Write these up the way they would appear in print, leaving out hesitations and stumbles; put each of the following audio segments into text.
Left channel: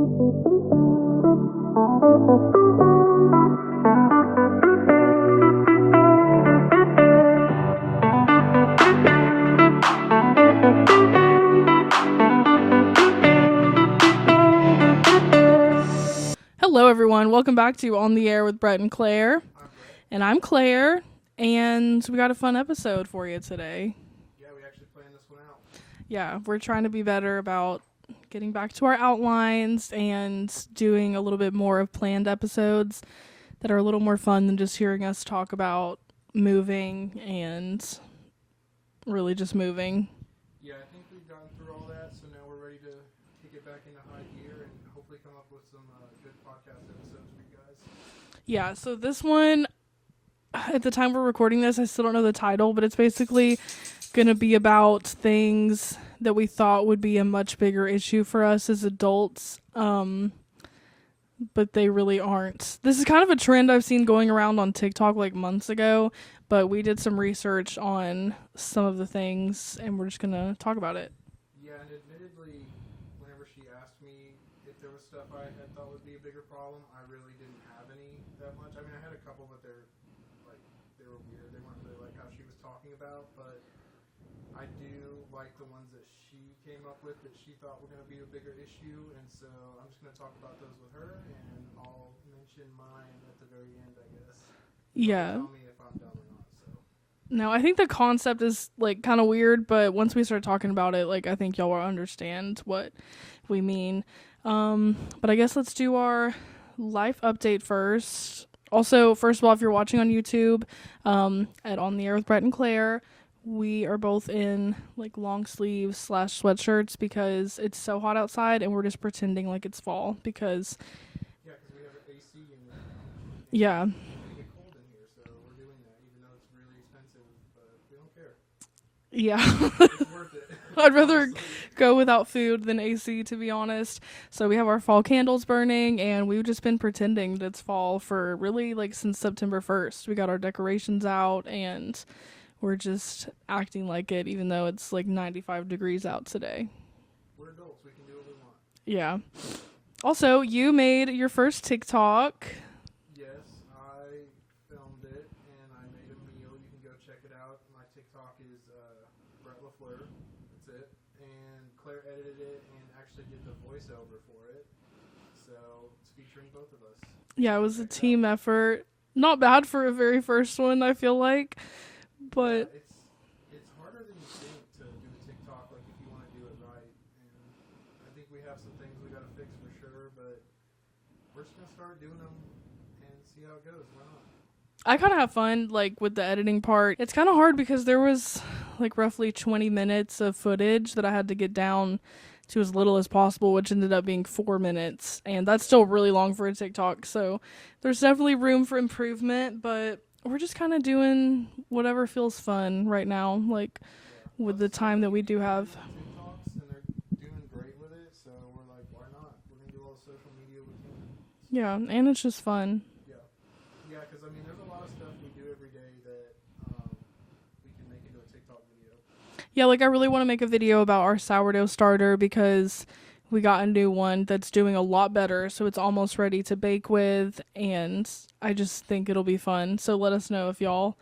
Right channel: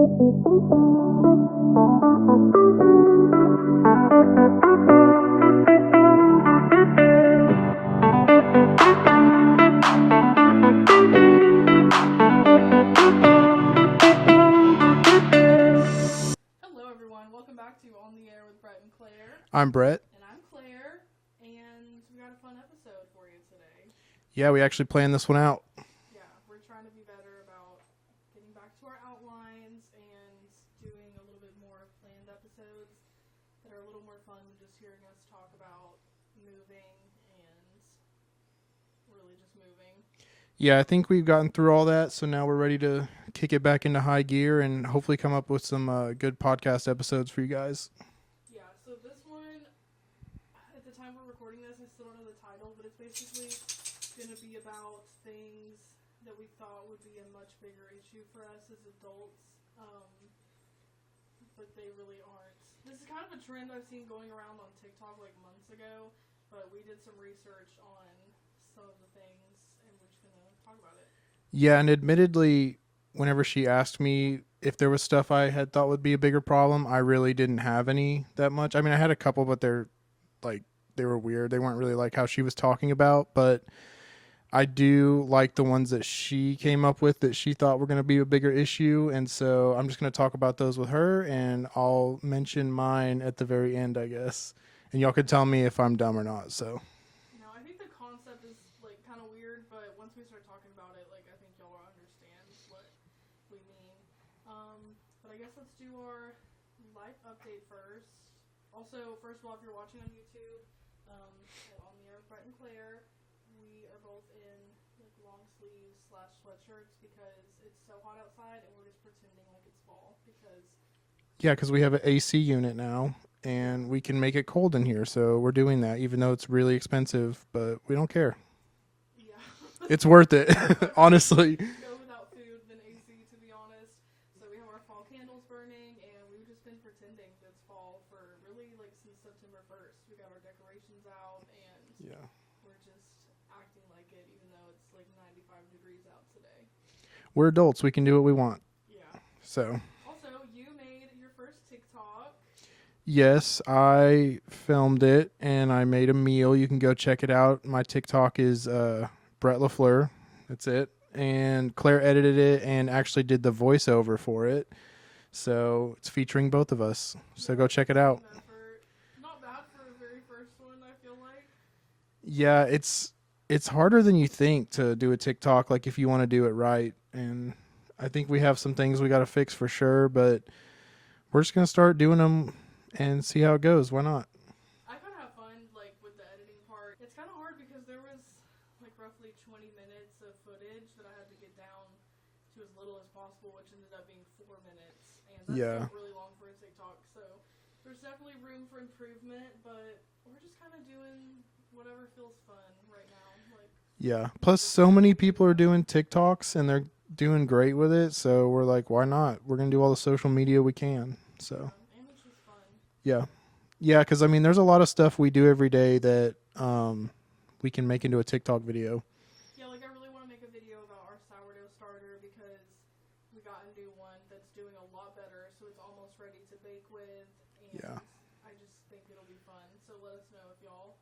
Hello, everyone. Welcome back to On the Air with Brett and Claire. I'm Brett. And I'm Claire. And we got a fun episode for you today. Yeah, we actually planned this one out. Yeah, we're trying to be better about getting back to our outlines and doing a little bit more of planned episodes that are a little more fun than just hearing us talk about moving and really just moving. Yeah, I think we've gotten through all that, so now we're ready to kick it back into high gear and hopefully come up with some good podcast episodes for you guys. Yeah, so this one, at the time we're recording this, I still don't know the title, but it's basically going to be about things that we thought would be a much bigger issue for us as adults, but they really aren't. This is kind of a trend I've seen going around on TikTok like months ago, but we did some research on some of the things, and we're just going to talk about it. Yeah, and admittedly, whenever she asked me if there was stuff I had thought would be a bigger problem, I really didn't have any that much. I mean, I had a couple, but they were weird. They weren't really like how she was talking about, but I do like the ones that she came up with that she thought were going to be a bigger issue, and so I'm just going to talk about those with her, and I'll mention mine at the very end, I guess. And y'all can tell me if I'm dumb or not, so. No, I think the concept is like kind of weird, but once we start talking about it, like I think y'all will understand what we mean. But I guess let's do our life update first. Also, first of all, if you're watching on YouTube, at On the Air with Brett and Claire, we are both in like long sleeves / sweatshirts because it's so hot outside, and we're just pretending like it's fall because. Yeah, because we have an AC unit now. And we can make it cold in here, so we're doing that, even though it's really expensive, but we don't care. Yeah. It's worth it, I'd rather honestly. go without food than AC, to be honest. So we have our fall candles burning, and we've just been pretending that it's fall for really, like, since September 1st. We got our decorations out, and we're just acting like it, even though it's, like, 95 degrees out today. We're adults. We can do what we want. Yeah. So. Also, you made your first TikTok. Yes, I filmed it, and I made a meal. You can go check it out. My TikTok is Brett LaFleur. That's it. And Claire edited it and actually did the voiceover for it. So it's featuring both of us. Yeah, so go check it out. Team effort. Not bad for a very first one, I feel like. Yeah, it's harder than you think to do a TikTok, like if you want to do it right. And I think we have some things we got to fix for sure, but we're just going to start doing them and see how it goes. Why not? I kind of have fun, like, with the editing part. It's kind of hard because there was, like, roughly 20 minutes of footage that I had to get down to as little as possible, which ended up being 4 minutes. And that's still really long for a TikTok. So there's definitely room for improvement, but we're just kind of doing whatever feels fun right now. Like, yeah. Plus, so many people are doing TikToks, and they're doing great with it. So we're like, why not? We're going to do all the social media we can. So. Yeah, and it's just fun. Yeah. Yeah, because, I mean, there's a lot of stuff we do every day that we can make into a TikTok video. Yeah, like, I really want to make a video about our sourdough starter because we got a new one that's doing a lot better, so it's almost ready to bake with, and I just think it'll be fun. So let us know if y'all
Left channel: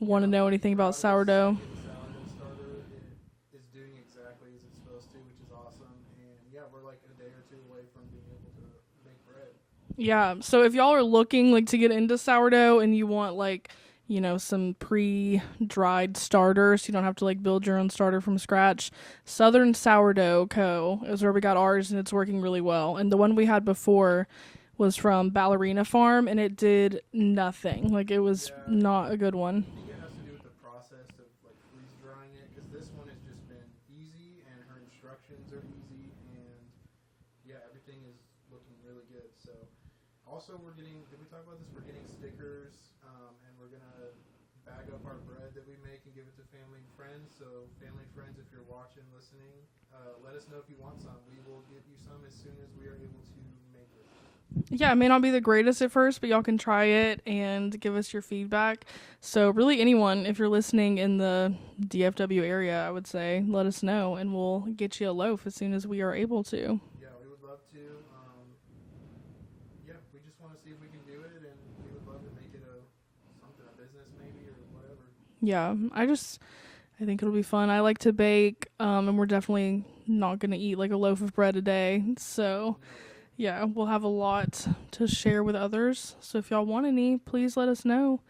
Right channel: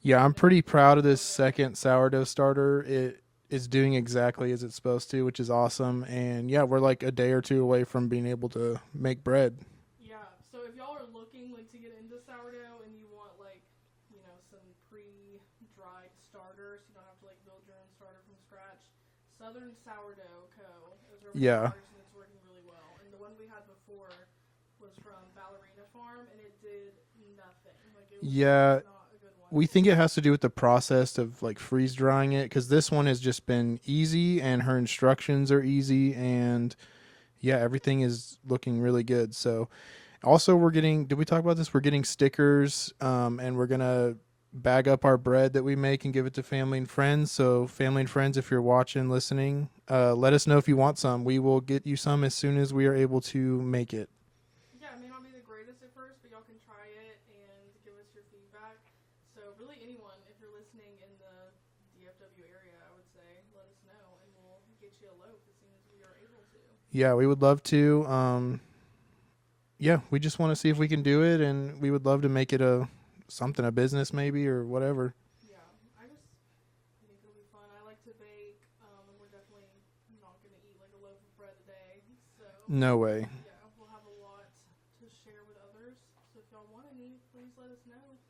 want to know anything about sourdough. I'm pretty proud of this second sourdough starter. It is doing exactly as it's supposed to, which is awesome. And yeah, we're like a day or two away from being able to make bread. Yeah, so if y'all are looking like to get into sourdough and you want like, you know, some pre-dried starters, you don't have to like build your own starter from scratch. Southern Sourdough Co. is where we got ours, and it's working really well. And the one we had before was from Ballerina Farm, and it did nothing. Like, it was not a good one. We think it has to do with the process of like freeze drying it, because this one has just been easy, and her instructions are easy, and yeah, everything is looking really good. So also we're getting, did we talk about this? We're getting stickers, and we're going to bag up our bread that we make and give it to family and friends. So family and friends, if you're watching, listening, let us know if you want some. We will get you some as soon as we are able to make it. Yeah, it may not be the greatest at first, but y'all can try it and give us your feedback. So really anyone, if you're listening in the DFW area, I would say, let us know and we'll get you a loaf as soon as we are able to. Yeah, we would love to. Yeah, we just want to see if we can do it, and we would love to make it a business maybe or whatever. Yeah, I think it'll be fun. I like to bake, and we're definitely not going to eat like a loaf of bread a day. So, No way. yeah, we'll have a lot to share with others. So, if y'all want any, please let us know.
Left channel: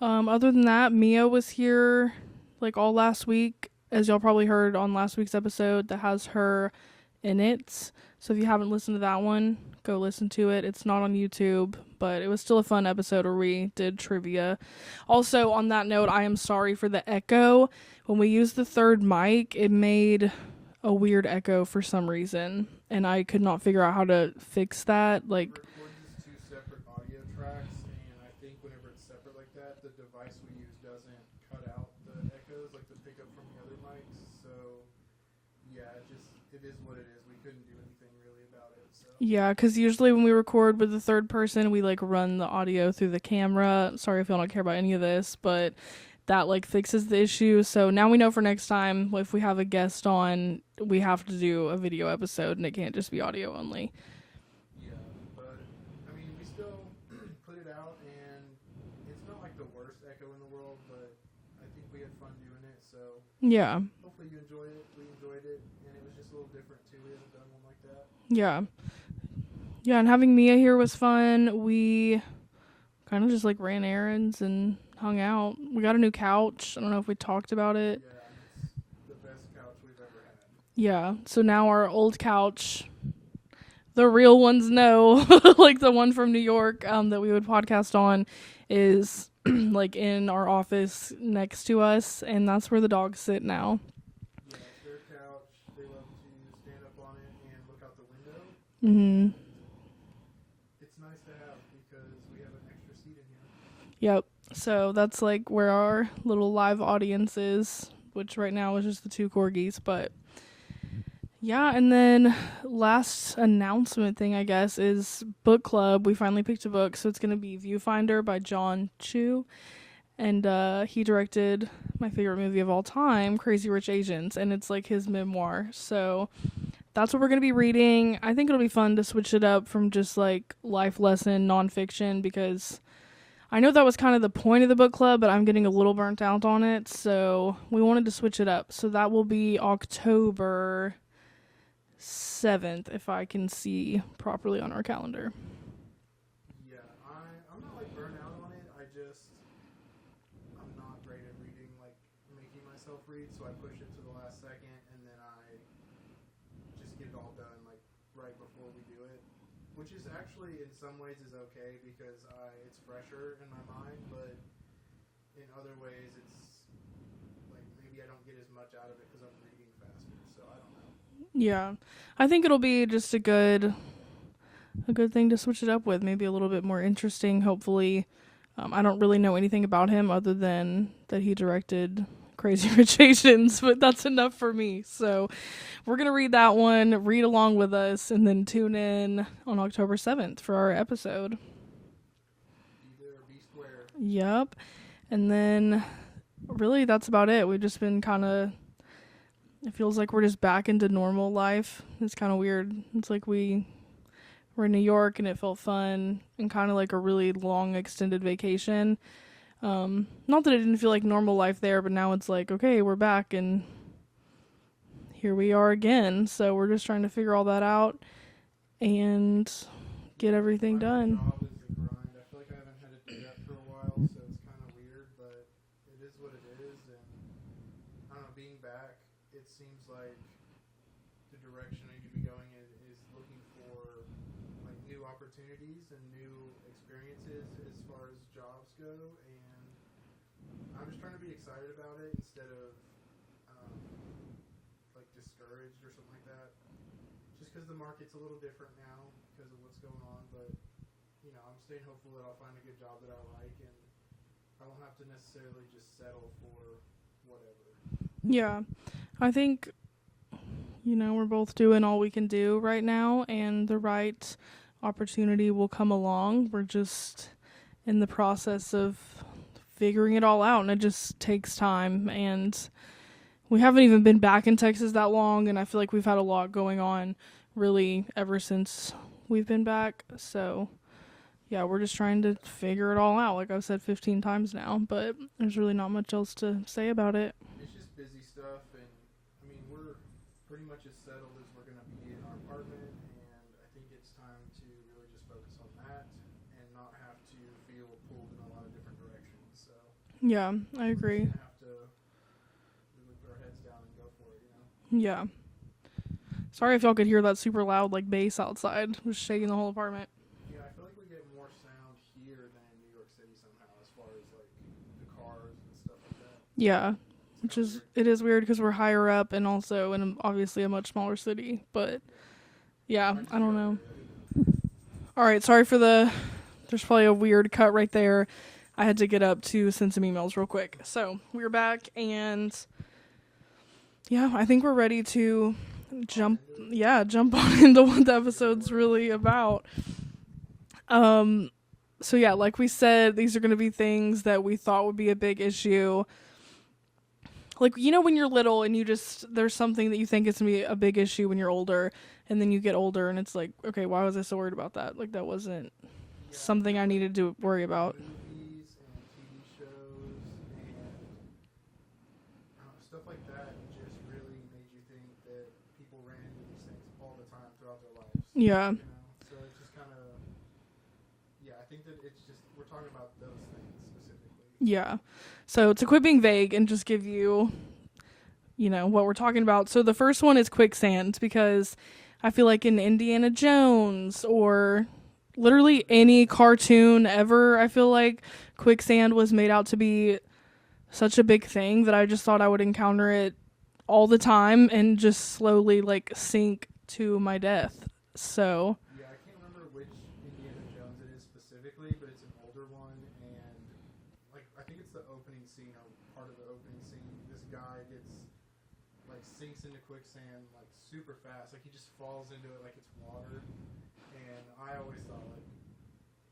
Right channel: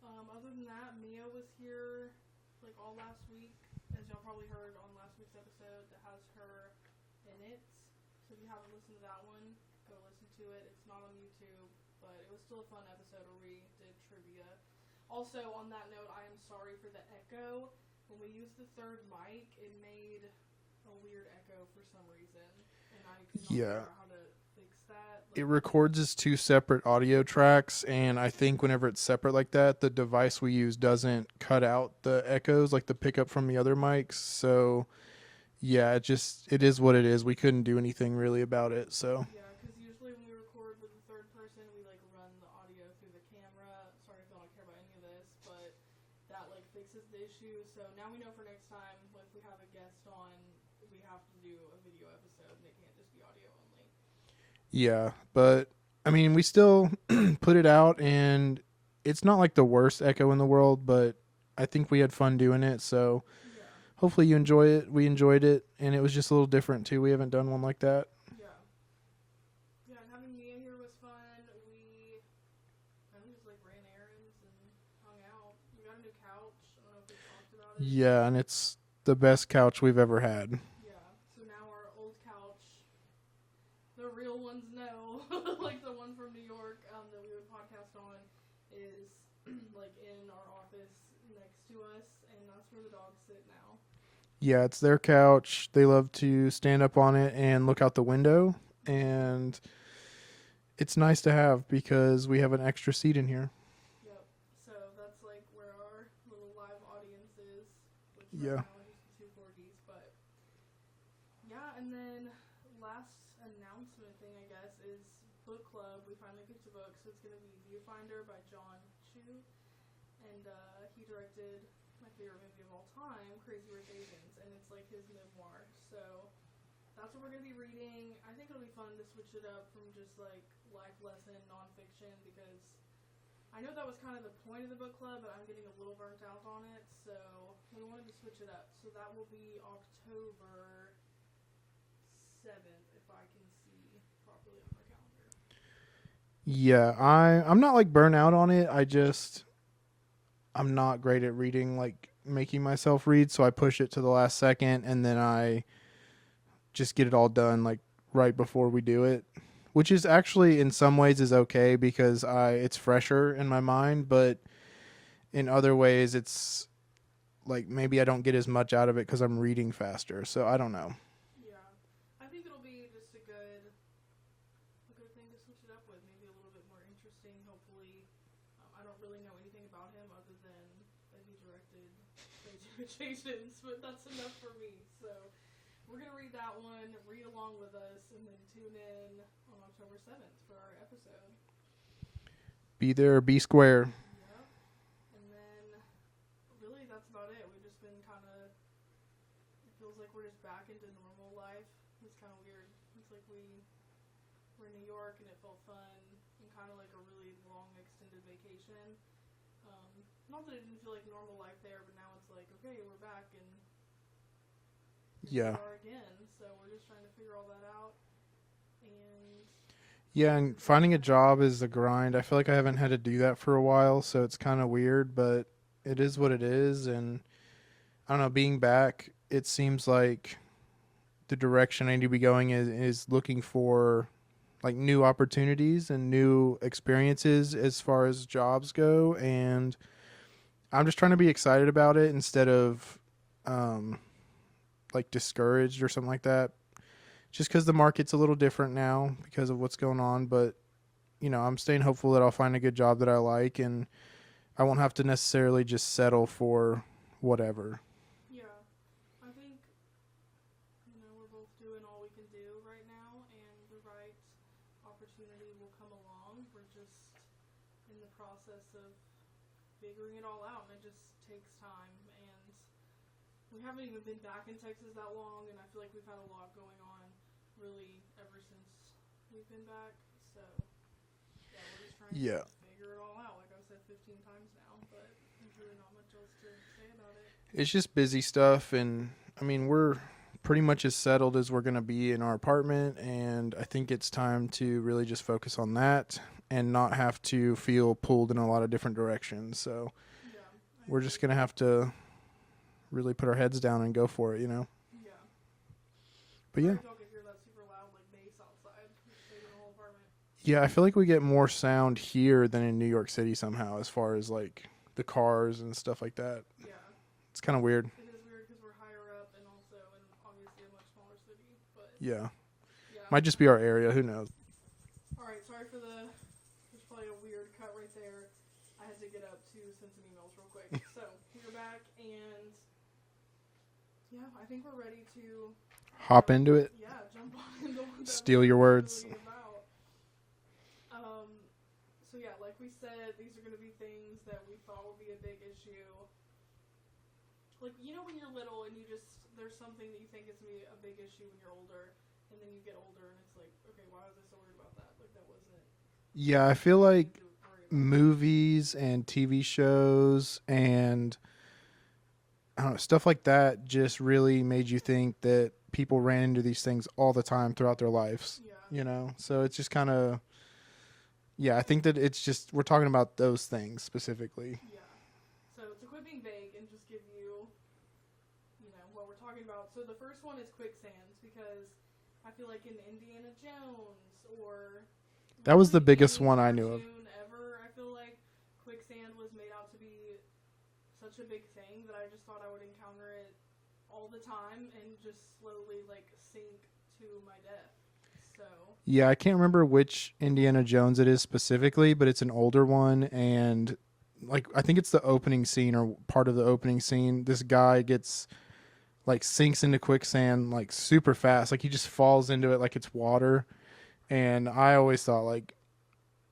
Other than that, Mia was here like all last week, as y'all probably heard on last week's episode that has her in it. So, if you haven't listened to that one, go listen to it. It's not on YouTube, but it was still a fun episode where we did trivia. Also, on that note, I am sorry for the echo. When we used the third mic, it made a weird echo for some reason, and I could not figure out how to fix that. Like, it records as two separate audio tracks, and I think whenever it's separate like that, the device we use doesn't cut out the echoes like the pickup from the other mics. So yeah, it is what it is. We couldn't do anything really about it. So yeah, because usually when we record with the third person, we like run the audio through the camera. Sorry if y'all don't care about any of this, but that like fixes the issue. So now we know for next time, if we have a guest on, we have to do a video episode and it can't just be audio only. yeah, but I mean, we still put it out, and it's not like the worst echo in the world, but I think we had fun doing it. So Yeah. hopefully you enjoy it. We enjoyed it, and it was just a little different too. We haven't done one like that. Yeah. Yeah, and having Mia here was fun. We kind of just like ran errands and hung out. We got a new couch. I don't know if we talked about it. Yeah, and it's the best couch we've ever had. Yeah. So now our old couch, the real ones know, like the one from New York that we would podcast on, is like in our office next to us, and that's where the dogs sit now. Yeah, it's their couch. They love to stand up on it and look out the window, and it's nice to have because we have an extra seat in here. Yep. So that's like where our little live audience is, which right now is just the two corgis. But yeah, and then last announcement thing, I guess, is book club. We finally picked a book, so it's going to be Viewfinder by John Chu. And he directed my favorite movie of all time, Crazy Rich Asians, and it's like his memoir. So that's what we're going to be reading. I think it'll be fun to switch it up from just like life lesson nonfiction, because I know that was kind of the point of the book club, but I'm getting a little burnt out on it, so we wanted to switch it up. So that will be October 7th, if I can see properly on our calendar. Yeah, I'm not like burnt out on it. I'm not great at reading, like making myself read, so I push it to the last second, and then I just get it all done like right before we do it, which is actually in some ways is okay because it's fresher in my mind, but in other ways it's like maybe I don't get as much out of it because I'm reading faster. So I don't know. Yeah, I think it'll be just a good thing to switch it up with, maybe a little bit more interesting, hopefully. I don't really know anything about him other than that he directed Crazy Rich Asians, but that's enough for me. So we're going to read that one, read along with us, and then tune in on October 7th for our episode. Be there, be square. Yep. And then really that's about it. We've just been it feels like we're just back into normal life. It's kind of weird. It's like we're in New York and it felt fun and kind of like a really long extended vacation. Not that it didn't feel like normal life there, but now it's like, okay, we're back and here we are again. So we're just trying to figure all that out and get everything finding done. a job is a grind. I feel like I haven't had to do that for a while, so it's kind of weird, but it is what it is. And I don't know, being back, it seems like the direction I need to be going is looking for like new opportunities and new experiences as far as jobs go, and I'm just trying to be excited about it instead of like discouraged or something like that, just because the market's a little different now because of what's going on. But you know, I'm staying hopeful that I'll find a good job that I like, and I won't have to necessarily just settle for whatever. Yeah, I think, we're both doing all we can do right now, and the right opportunity will come along. We're just in the process of figuring it all out, and it just takes time. And we haven't even been back in Texas that long, and I feel like we've had a lot going on really ever since we've been back. So yeah, we're just trying to figure it all out, like I've said 15 times now, but there's really not much else to say about it. It's just busy stuff, and I mean, we're pretty much as settled as we're going to be in our apartment, and I think it's time to really just focus on that and not have to feel pulled in a lot of different directions. So yeah, I we're agree. just going to have to really put our heads down and go for it, you know? Yeah. But Sorry yeah. if y'all could hear that super loud like bass outside. It was shaking the whole apartment. Yeah, I feel like we get more sound here than in New York City somehow, as far as like the cars and stuff like that. Yeah. It's kind of weird. It is weird because we're higher up and also in obviously a much smaller city. But yeah, might just be our area. Who knows? All right, sorry for there's probably a weird cut right there. I had to get up to send some emails real quick. So we're back, and yeah, I think we're ready to hop into it. Yeah, jump on into what the Steal your episode's words. really about. So yeah, like we said, these are going to be things that we thought would be a big issue. Like, you know, when you're little and there's something that you think is going to be a big issue when you're older, and then you get older and it's like, okay, why was I so worried about that? Like, that wasn't something I feel like needed to worry about. movies and TV shows and I don't know, stuff like that just really made you think that people ran into these things all the time throughout their lives. Yeah. You know, so it's just kind of, I think that it's just, we're talking about those things specifically. Yeah. So to quit being vague and just give you, what we're talking about. So the first one is quicksand, because I feel like in Indiana Jones or literally any cartoon ever, I feel like quicksand was made out to be such a big thing that I just thought I would encounter it all the time and just slowly like sink to my death. So yeah, I can't remember which Indiana Jones it is specifically, but it's an older one, and like I think it's the opening scene or part of the opening scene. This guy gets like sinks into quicksand like super fast, like he just falls into it like it's water. And I always thought like,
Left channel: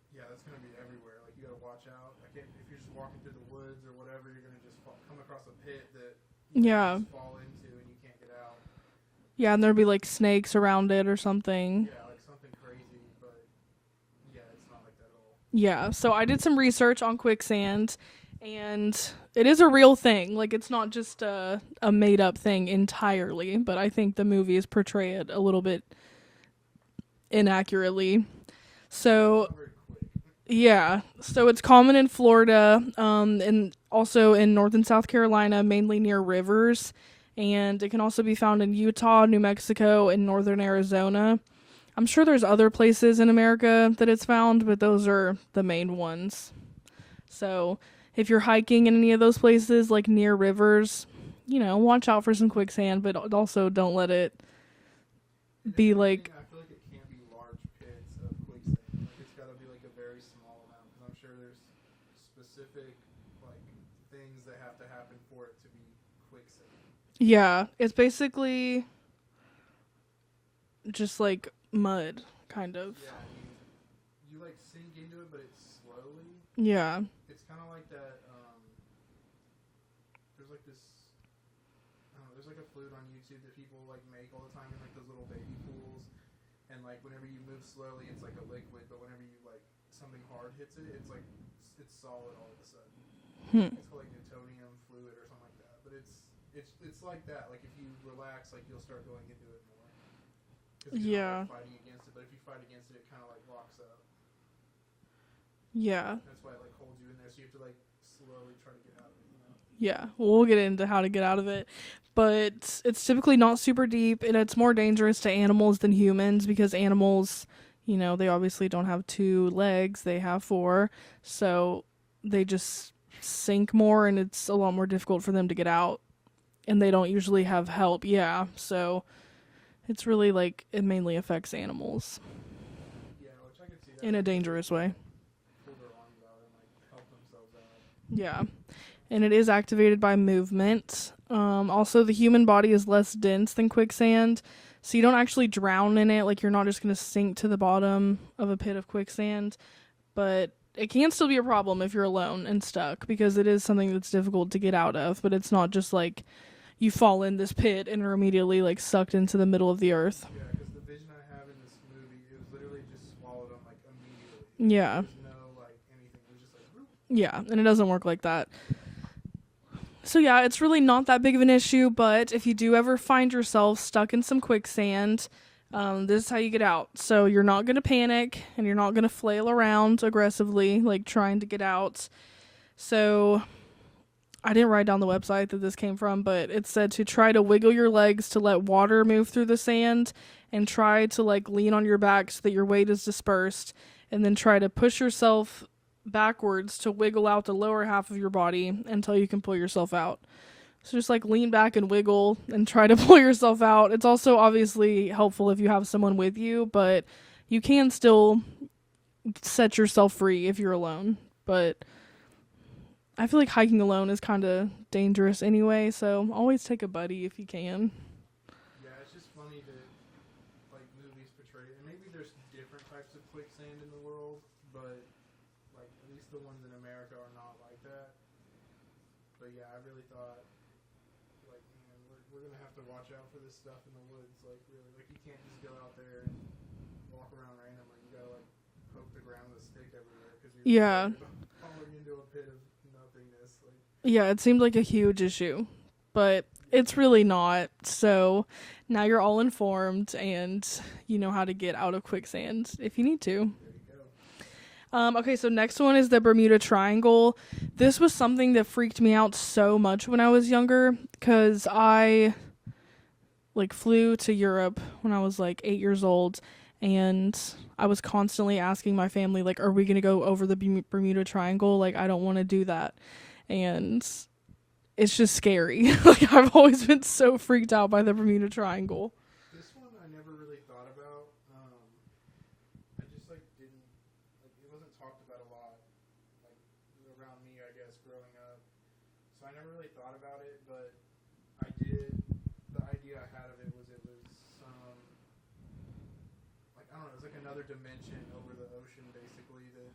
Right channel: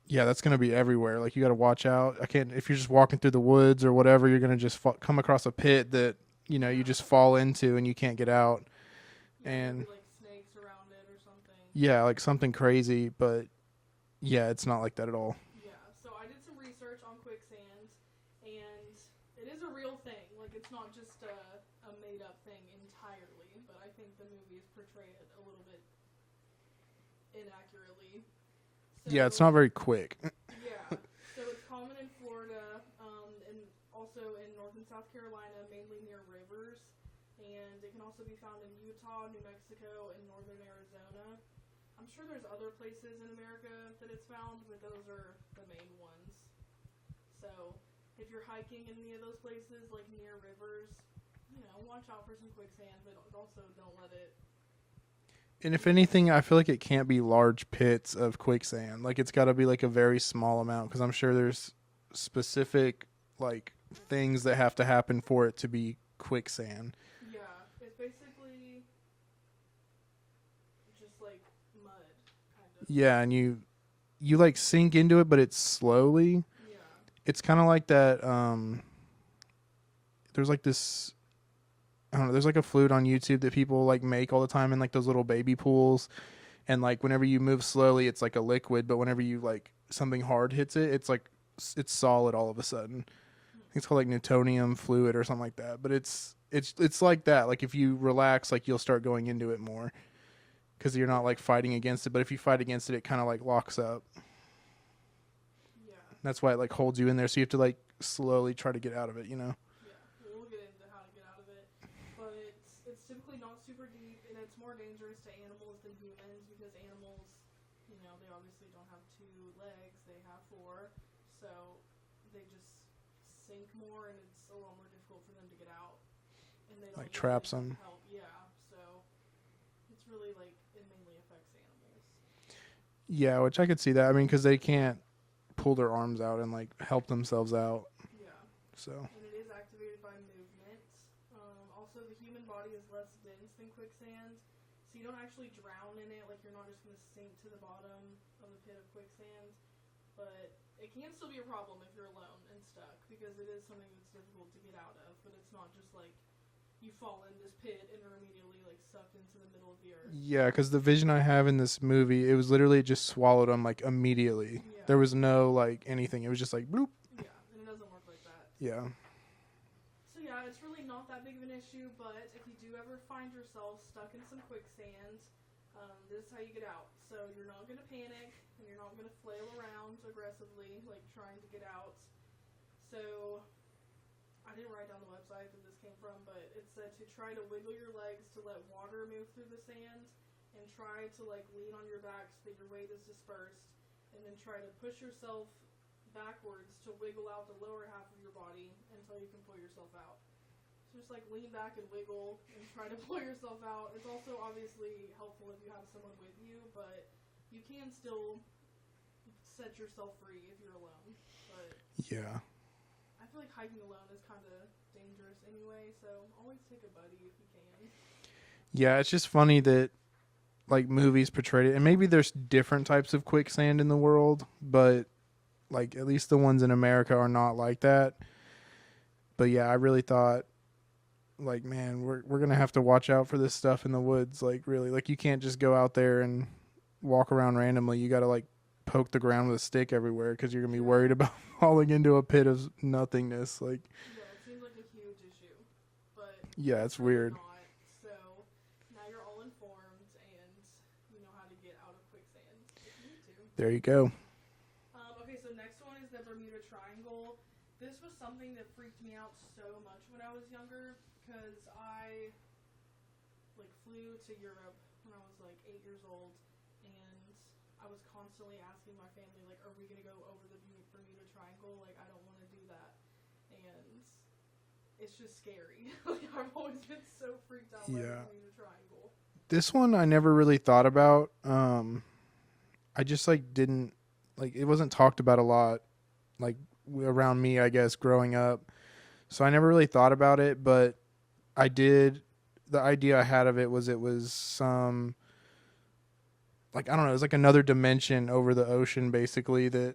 yeah, that's gonna be everywhere. Like you got to watch out. If you're just walking through the woods or whatever, you're gonna just come across a pit that you just fall into and you can't get out. Yeah, and there'd be like snakes around it or something. Yeah, like something crazy, but yeah, it's not like that at all. Yeah, so I did some research on quicksand, and it is a real thing. Like, it's not just a made-up thing entirely, but I think the movies portray it a little bit inaccurately. So yeah, it's not very quick. Yeah, so it's common in Florida, and also in North and South Carolina, mainly near rivers. And it can also be found in Utah, New Mexico, and northern Arizona. I'm sure there's other places in America that it's found, but those are the main ones. So if you're hiking in any of those places, like near rivers, watch out for some quicksand, but also don't let it. And if anything, I feel like it can't be large pits of quicksand. Like, it's got to be like a very small amount, because I'm sure there's specific like things that have to happen for it to be quicksand. Yeah, it's basically just like mud, kind of. Yeah, and you like sink into it, but it's slowly. Yeah. It's kind of like that. There's like this, I don't know, there's like a flute on YouTube that people like make all the time in like those little baby pools. And like whenever you move slowly, it's like a liquid, but whenever you like something hard hits it, it's like, it's solid all of a sudden. It's called like Newtonium fluid or something like that. But it's like that. Like if you relax, like you'll start going into it more, because you're not like fighting against it. But if you fight against it, it kind of like locks up. Yeah. That's why it like holds you in there. So you have to like slowly try to get out of it, Yeah. Well, we'll get into how to get out of it. But it's typically not super deep, and it's more dangerous to animals than humans, because animals, they obviously don't have 2 legs. They have 4. So they just sink more, and it's a lot more difficult for them to get out. And they don't usually have help. Yeah. So it's really like it mainly affects animals. Yeah, which I could see that. I mean, because they can't pull their arms out and like help themselves out. Yeah. So. And it is activated by movement. Also, the human body is less dense than quicksand, So you don't actually drown in it. Like, you're not just going to sink to the bottom of a pit of quicksand. But it can still be a problem if you're alone and stuck, because it is something that's difficult to get out of. But it's not just like you fall in this pit and are immediately like sucked into the middle of the earth. Yeah, because the vision I have in this movie, it was literally it just swallowed them like immediately. Yeah. There was no like anything. It was just like bloop. Yeah, and it doesn't work like that. Yeah. So yeah, it's really not that big of an issue, but if you do ever find yourself stuck in some quicksand, this is how you get out. So you're not going to panic, and you're not going to flail around aggressively, like trying to get out. So I didn't write down the website that this came from, but it said to try to wiggle your legs to let water move through the sand, and try to like lean on your back so that your weight is dispersed, and then try to push yourself backwards to wiggle out the lower half of your body until you can pull yourself out. So just like lean back and wiggle and try to pull yourself out. It's also obviously helpful if you have someone with you, but you can still set yourself free if you're alone. But Yeah. I feel like hiking alone is kind of dangerous anyway, so always take a buddy if you can. Yeah, it's just funny that like movies portrayed it, and maybe there's different types of quicksand in the world, but like at least the ones in America are not like that. But yeah, I really thought like, man, we're going to have to watch out for this stuff in the woods. Like really, like you can't just go out there and walk around randomly. You got to like poke the ground with a stick everywhere, because you're going to be worried about falling into a pit of nothingness. Like, yeah, it seemed like a huge issue, but yeah, it's really weird. not. So now you're all informed, and you know how to get out of quicksand if you need to. There you go. Okay, so next one is the Bermuda Triangle. This was something that freaked me out so much when I was younger, because I like flew to Europe when I was like 8 years old, and I was constantly asking my family, like, are we going to go over the Bermuda Triangle? Like, I don't want to do that. And it's just scary. Like, I've always been so freaked out by the Bermuda Triangle. This one I never really thought about. I just like didn't, like, it wasn't talked about a lot, like around me, I guess, growing up. So I never really thought about it, but I did. The idea I had of it was some, like, I don't know, it was like another dimension over the ocean, basically, that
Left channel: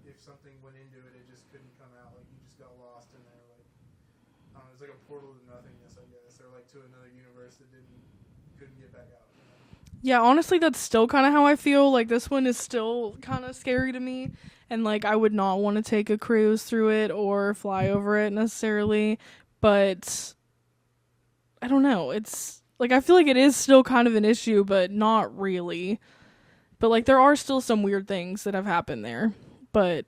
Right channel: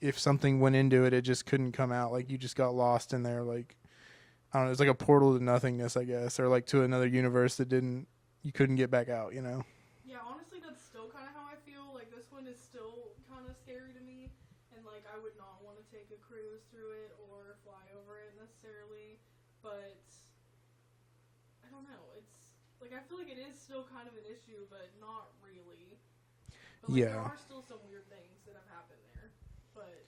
if something went into it, it just couldn't come out. Like, you just got lost in there. Like, I don't know, it's like a portal to nothingness, I guess, or like to another universe that you couldn't get back out, you know? Yeah, honestly, that's still kind of how I feel. Like, this one is still kind of scary to me. And, like, I would not want to take a cruise through it or fly over it necessarily. But I don't know. It's, like, I feel like it is still kind of an issue, but not really. But, like, there are still some weird things that have happened there. But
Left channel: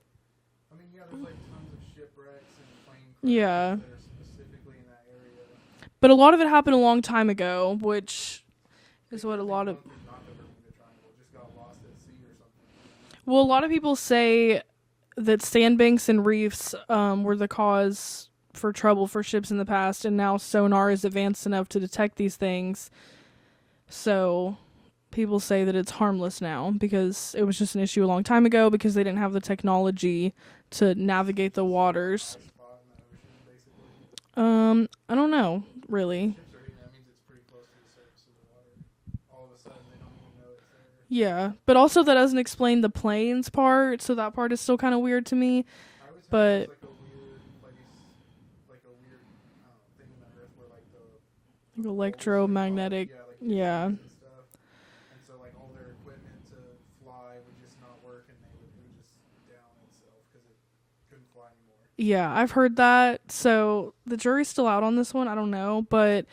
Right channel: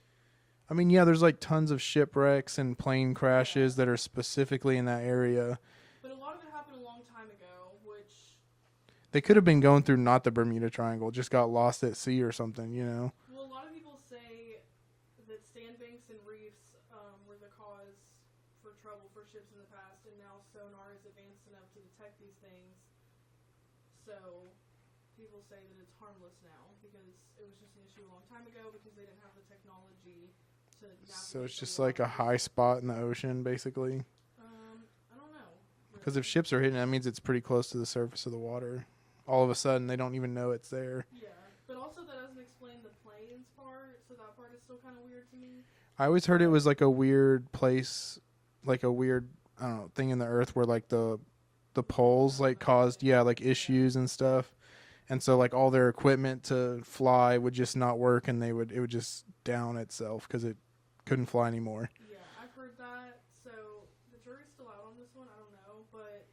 I mean, yeah, there's, like, tons of shipwrecks and plane crashes that are specifically in that area. But a lot of it happened a long time ago, which... They could have been going through not the Bermuda Triangle, just got lost at sea or something, you know? Well, a lot of people say that sandbanks and reefs were the cause for trouble for ships in the past, and now sonar is advanced enough to detect these things. So people say that it's harmless now because it was just an issue a long time ago because they didn't have the technology to navigate the waters. Like a high spot in the ocean, basically. I don't know, really. If ships are hitting, that means it's pretty close to the surface of the water. All of a sudden, they don't even know it's there. Yeah, but also that doesn't explain the planes part, so that part is still kind of weird to me. I always heard it was like a weird place, like a weird, I don't know, thing in the earth where like the poles like caused like issues and stuff. And so like all their equipment to fly would just not work, and it would just down itself because it couldn't fly anymore. Yeah, I've heard that. So the jury's still out on this one. I don't know, but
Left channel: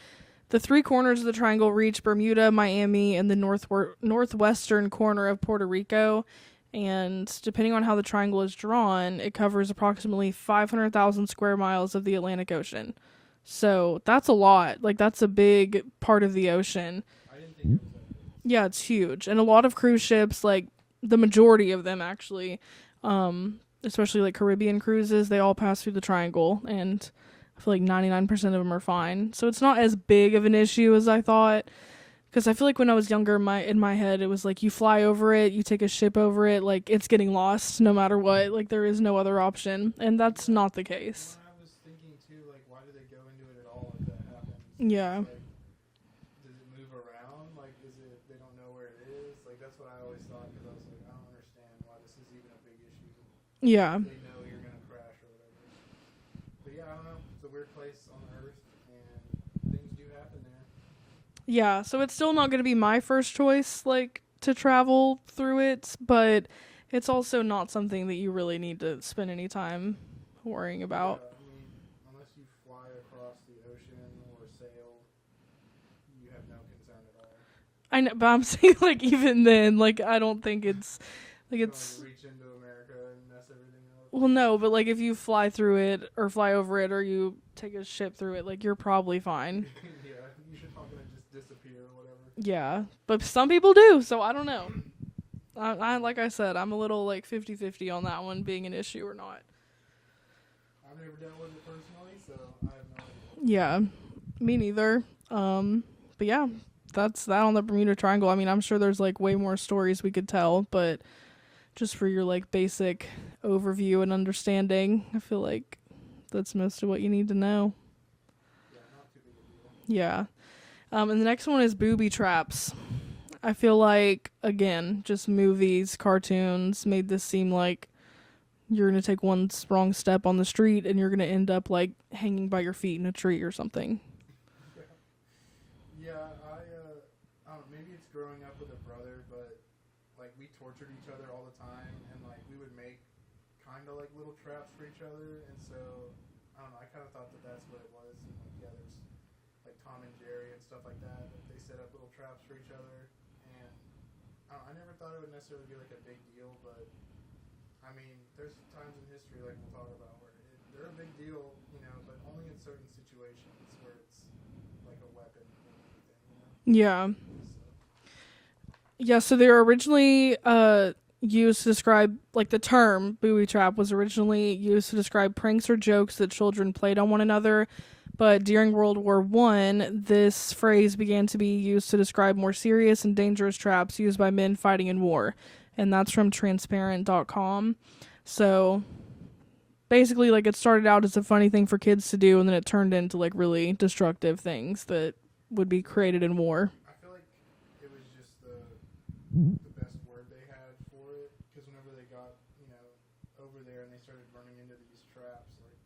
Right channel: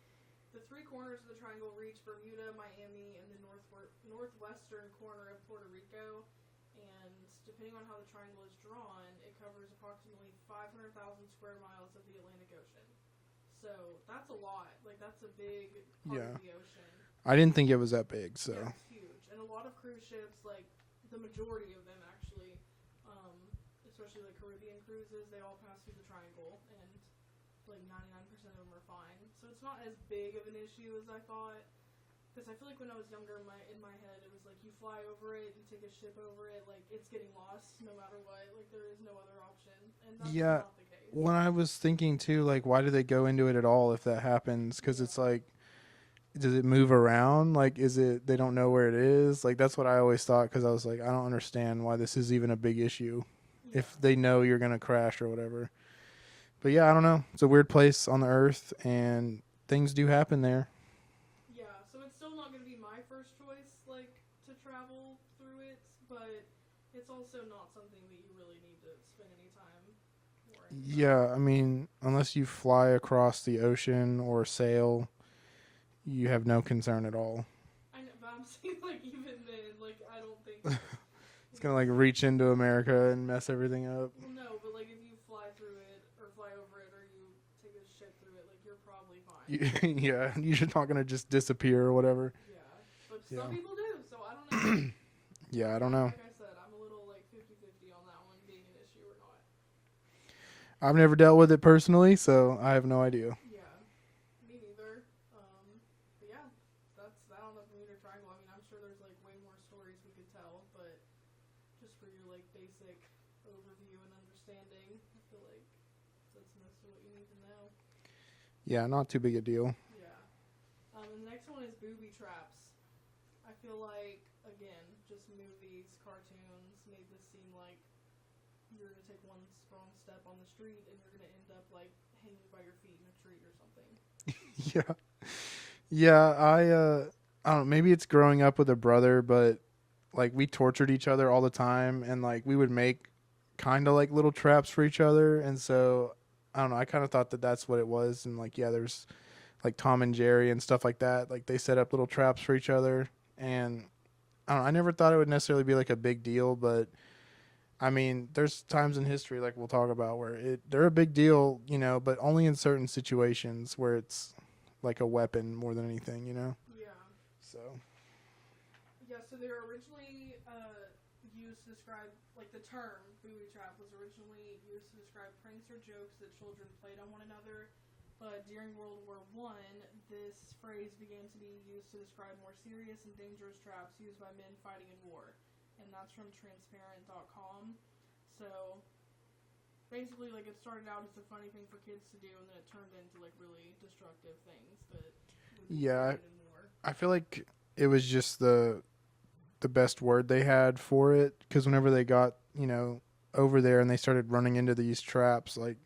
the three corners of the triangle reach Bermuda, Miami, and the northwestern corner of Puerto Rico. And depending on how the triangle is drawn, it covers approximately 500,000 square miles of the Atlantic Ocean. So that's a lot. Like, that's a big part of the ocean. I didn't think it was that big. So. Yeah, it's huge. And a lot of cruise ships, like the majority of them actually, especially like Caribbean cruises, they all pass through the triangle, and I feel like 99% of them are fine. So it's not as big of an issue as I thought, because I feel like when I was younger, in my head, it was like you fly over it, you take a ship over it, like it's getting lost no matter what. Like there is no other option, and that's not the case. When I was thinking too, like why do they go into it at all if that happens? Because it's like does it move around? Like, is it they don't know where it is? Like, that's what I always thought, because I was like, I don't understand why this is even a big issue. Yeah. If they know you're gonna crash or whatever. But yeah, I don't know. It's a weird place on the earth, and things do happen there. Yeah, so it's still not going to be my first choice, like, to travel through it, but it's also not something that you really need to spend any time worrying about. Yeah, I mean, unless you fly across the ocean or sail, you have no concern at all. I know, but I'm saying, like, even then, like, I don't think it's... Like It's gonna like reach into America and mess everything up. Well, no, but like if you fly through it or fly over it or you take a ship through it, like you're probably fine. Yeah, you're not gonna just disappear or whatever. Yeah, but some people do, so I don't know. Yeah, I don't know. Like I said, I'm a little like 50-50 on that one being an issue or not. I've never dealt with it personally, so I have no idea. Yeah, me neither. But yeah, that's that on the Bermuda Triangle. I mean, I'm sure there's like way more stories we could tell, but just for your like basic overview and understanding, I feel like that's most of what you need to know. Yeah, not too big a deal. Yeah. And the next one is booby traps. I feel like, again, just movies, cartoons made this seem like you're going to take one wrong step on the street and you're going to end up like hanging by your feet in a tree or something. Yeah. Yeah, I don't know, maybe it's growing up with a brother, but like we tortured each other all the time, and like we would make kind of like little traps for each other, and so I don't know, I kind of thought that that's what it was. And like, yeah, there's like Tom and Jerry and stuff like that, like they set up little traps for each other, and I don't know, I never thought it would necessarily be like a big deal, but I mean, there's times in history like we'll talk about where they're a big deal, you know, but only in certain situations where it's like a weapon more than anything, you know. Yeah. So Yeah, so they were originally used to describe, like the term booby trap was originally used to describe pranks or jokes that children played on one another. But during World War I, this phrase began to be used to describe more serious and dangerous traps used by men fighting in war. And that's from transparent.com. So basically, like, it started out as a funny thing for kids to do, and then it turned into, like, really destructive things that would be created in war. I feel like it was just the best word they had for it, because whenever they got, you know, over there and they started running into these traps, like,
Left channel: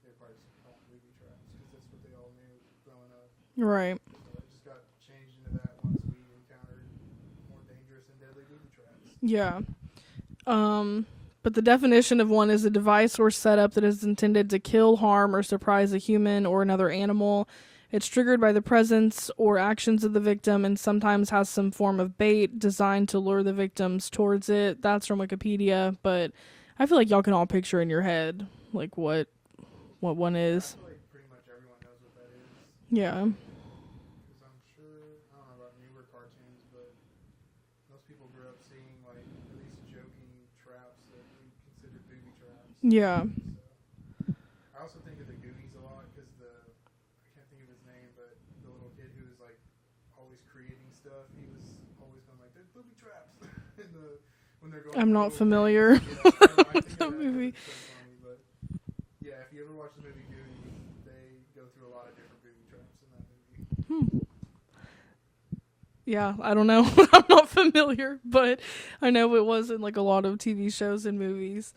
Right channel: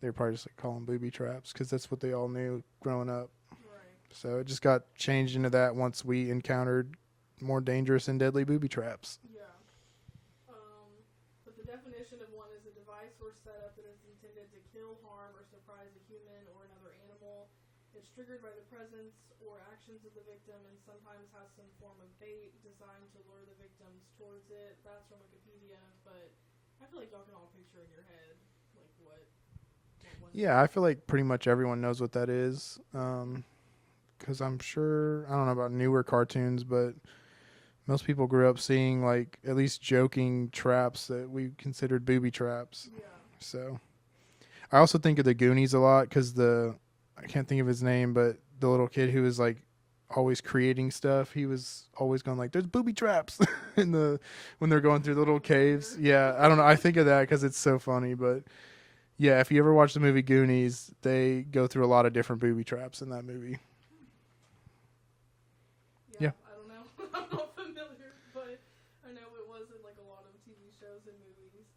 they were probably just like calling booby traps because that's what they all knew growing up. Right. So it just got changed into that once we encountered more dangerous and deadly booby traps. Yeah. But the definition of one is a device or setup that is intended to kill, harm, or surprise a human or another animal. It's triggered by the presence or actions of the victim and sometimes has some form of bait designed to lure the victims towards it. That's from Wikipedia, but I feel like y'all can all picture in your head like what one is. Yeah, I feel like pretty much everyone knows what that is. Yeah. Because I'm sure, I don't know about newer cartoons, but most people grew up seeing, like, at least joking traps that we considered booby traps. Yeah. So I also think of the Goonies a lot because I can't think of his name, but the little kid who was, like, always creating stuff, he was always going like, there's booby traps when they're going I'm through not little familiar. caves. Yeah, I don't know. I think of that because it's so funny, but yeah, if you ever watch the movie Goonies, they go through a lot of different booby traps in that movie. Yeah, I don't know. I'm not familiar, but I know it was in like a lot of TV shows and movies.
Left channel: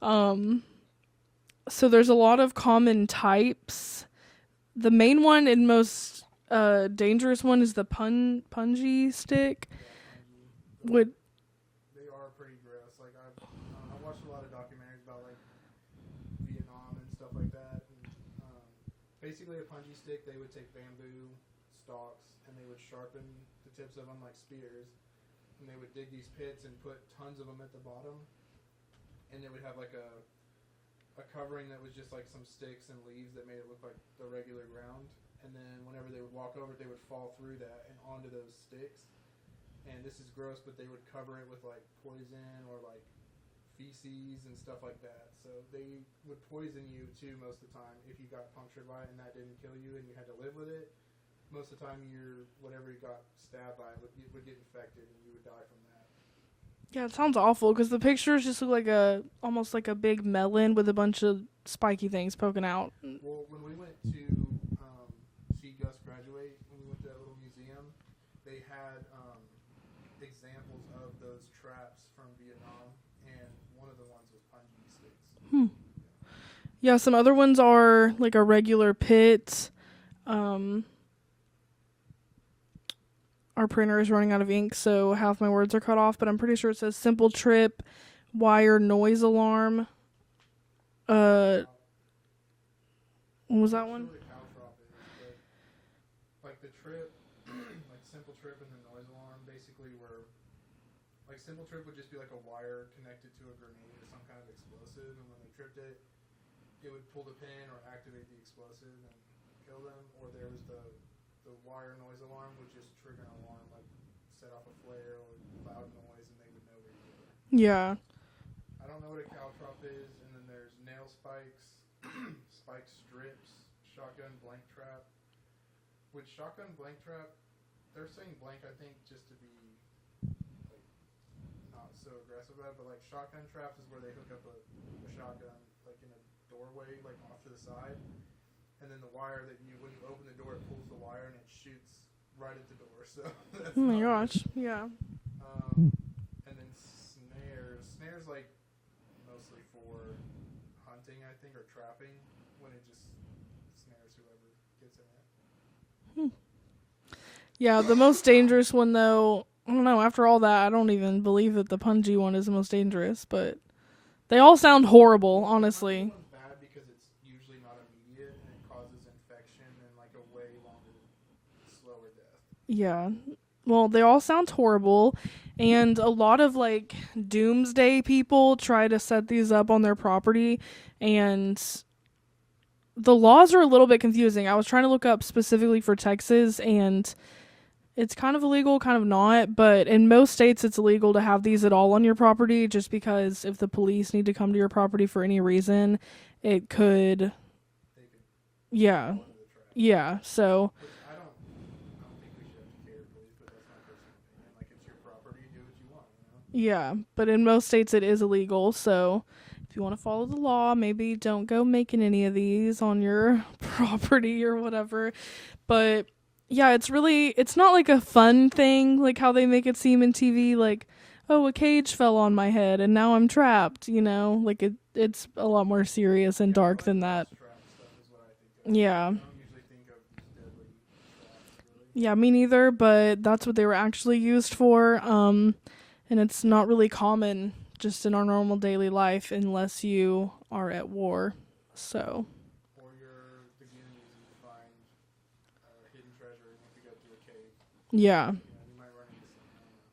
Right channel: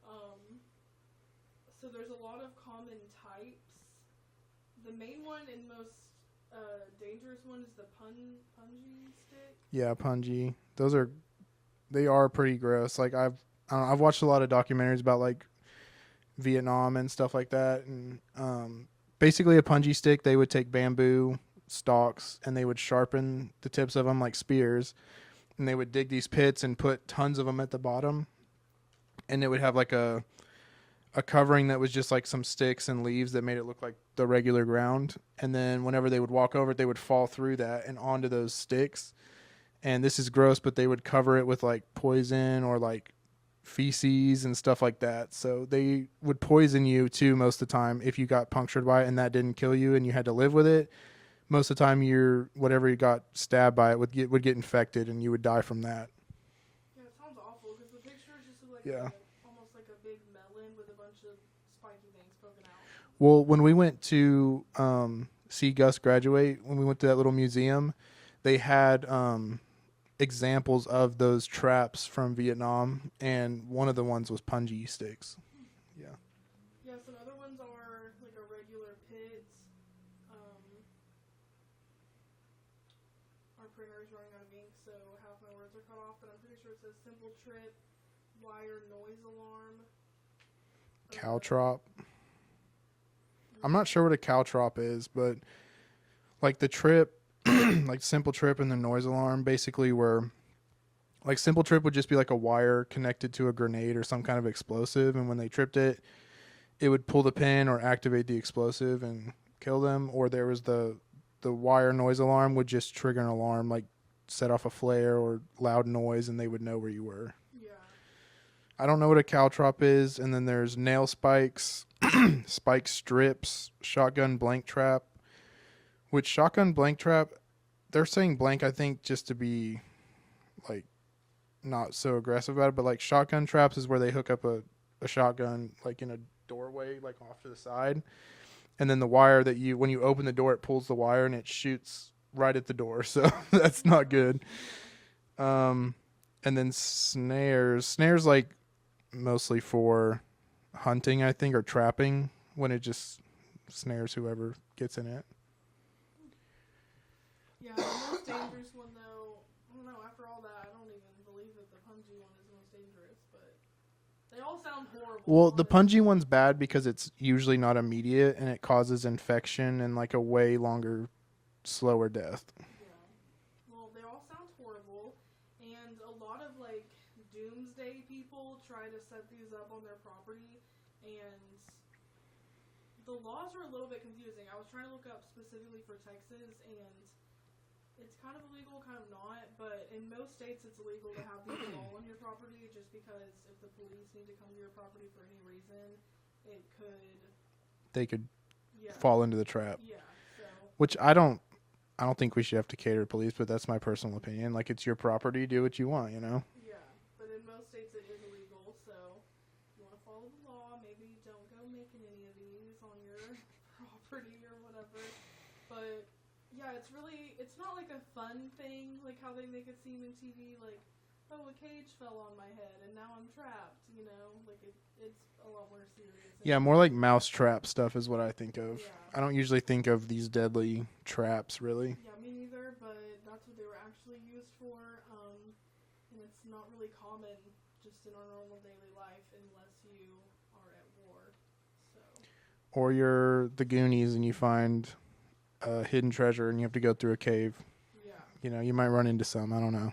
So there's a lot of common types. The main one and most dangerous one is the punji stick. Yeah, punji. They are pretty gross. Like I've watched a lot of documentaries about like Vietnam and stuff like that, and basically a punji stick, they would take bamboo stalks and they would sharpen the tips of them like spears, and they would dig these pits and put tons of them at the bottom, and it would have like a covering that was just like some sticks and leaves that made it look like the regular ground, and then whenever they would walk over it, they would fall through that and onto those sticks. And this is gross, but they would cover it with like poison or like feces and stuff like that. So they would poison you too most of the time if you got punctured by it and that didn't kill you and you had to live with it. Most of the time whatever you got stabbed by it would get infected and you would die from that. Yeah, it sounds awful because the pictures just look like almost like a big melon with a bunch of spiky things poking out. Well, when we went to see Gus graduate, when we went to that little museum, they had examples of those traps from Vietnam, and one of the ones was punji sticks. Yeah, some other ones are like a regular pit. Our printer is running out of ink, so half my words are cut off, but I'm pretty sure it says simple trip, wire noise alarm. Caltrop. What was I'm not that sure one? what a caltrop is, but like the trip, like simple trip and the noise alarm basically were, like simple trip would just be like a wire connected to a grenade or some kind of explosive, and when they tripped it, it would pull the pin or activate the explosive and kill them. Or there was the wire noise alarm would just trigger an alarm, like set off a flare or loud noise, and they would know where you were. Yeah. I don't know what a caltrop is. And then there's nail spikes, spike strips, shotgun blank trap. Which shotgun blank trap, they're saying blank, I think, just to be like not so aggressive about it. But like shotgun traps is where they hook up a shotgun like in a doorway, like off to the side. And then the wire that when you open the door, it pulls the wire and it shoots right at the door. So that's Oh my not good. gosh, Yeah. And then snares like mostly for hunting, I think, or trapping, when it just snares whoever gets in it. Yeah, the most dangerous one, though, I don't know, after all that, I don't even believe that the punji one is the most dangerous, but they all sound horrible, Well, honestly. the punji one's bad because it's usually not immediate, and it causes infection and like a way longer, slower death. Yeah. Well, they all sound horrible, and a lot of, like, doomsday people try to set these up on their property, and the laws are a little bit confusing. I was trying to look up specifically for Texas, and it's kind of illegal, kind of not, but in most states it's illegal to have these at all on your property, just because if the police need to come to your property for any reason, it could... They could Yeah. fall into the trap. Yeah, so... Which I don't think we should have to cater to police, but that's my personal opinion. Like, it's your property, do what you want, you know? Yeah, but in most states it is illegal, so if you want to follow the law, maybe don't go making any of these on your property or whatever. But yeah, it's not like a fun thing, like how they make it seem in TV, like, oh, a cage fell on my head and now I'm trapped, you know? Like, it's a lot more serious and dark more like than mousetrap stuff is what I think of. that. Yeah. I don't usually think of these deadly traps, really. Yeah, me neither, but that's what they were actually used for. And it's not really common just in our normal daily life unless you are at war. So, Or you're the Goonies and you find a hidden treasure and you have to go through a cave. yeah. You know, you might run into some. I don't know.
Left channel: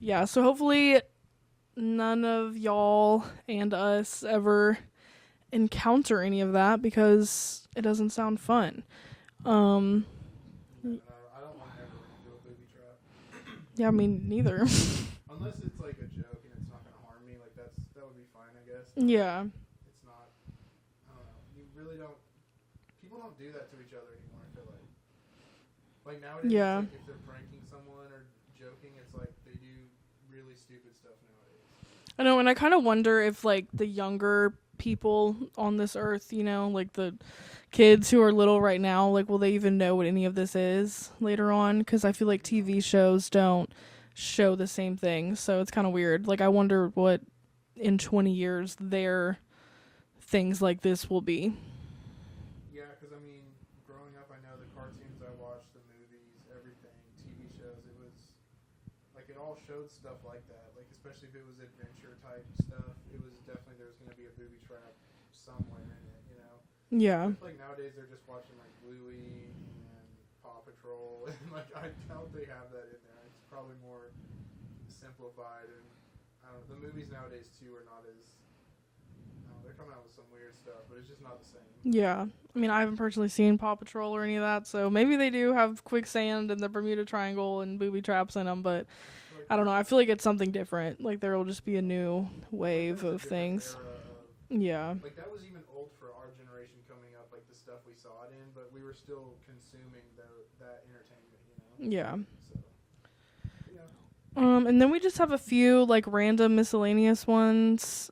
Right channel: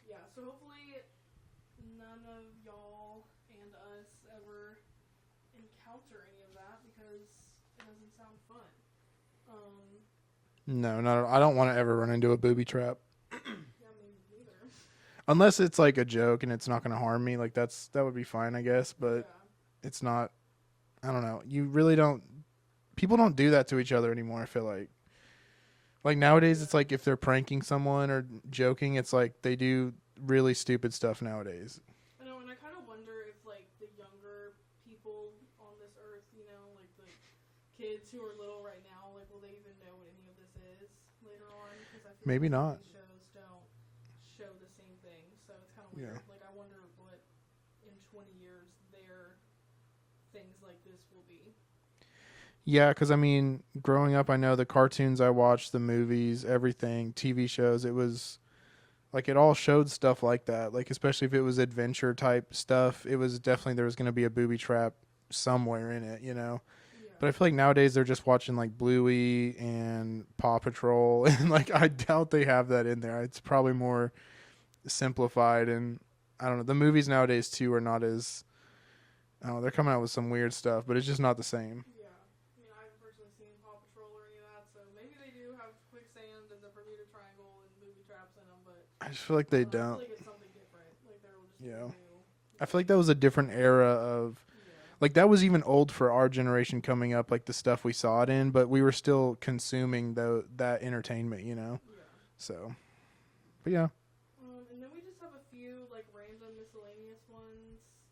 Yeah, so hopefully none of y'all and us ever encounter any of that because it doesn't sound fun. No, not. I don't want to ever run into a booby trap. Yeah, me neither. Unless it's like a joke and it's not going to harm me. Like, that would be fine, I guess. But Yeah. it's not. I don't know. You really don't. People don't do that to each other anymore, I feel like. Like, nowadays, Yeah. it's like if they're pranking someone or joking, it's like they do really stupid stuff nowadays. I know, and I kind of wonder if, like, the younger people on this earth, you know, like the kids who are little right now, like, will they even know what any of this is later on? Because I feel like Maybe TV not. shows don't show the same thing, so it's kind of weird. Like, I wonder what in 20 years their things like this will be. Yeah, because, I mean, growing up, I know the cartoons I watched, the movies, everything, TV shows, it was, like, it all showed stuff like that. Like, especially if it was adventure-type stuff, it was definitely, there was going to be a booby trap somewhere in it, you know? Yeah. But I feel like nowadays they're just watching, like, Bluey and Paw Patrol, and, like, I doubt they have that in there. It's probably more simplified, and, I don't know, the movies nowadays, too, are not as... Oh, they're coming out with some weird stuff, but it's just not the same. Yeah. I mean, I haven't personally seen Paw Patrol or any of that, so maybe they do have quicksand and the Bermuda Triangle and booby traps in them, but I just feel like I don't know. I feel like it's something different. Like, there will just be a Yeah. new wave I feel like that was a of different things. era of... Yeah. Like, that was even old for our generation coming up, like, the stuff we saw it in, but we were still consuming that entertainment, you know? Yeah. So, but yeah. And then we just have a few, like, random miscellaneous ones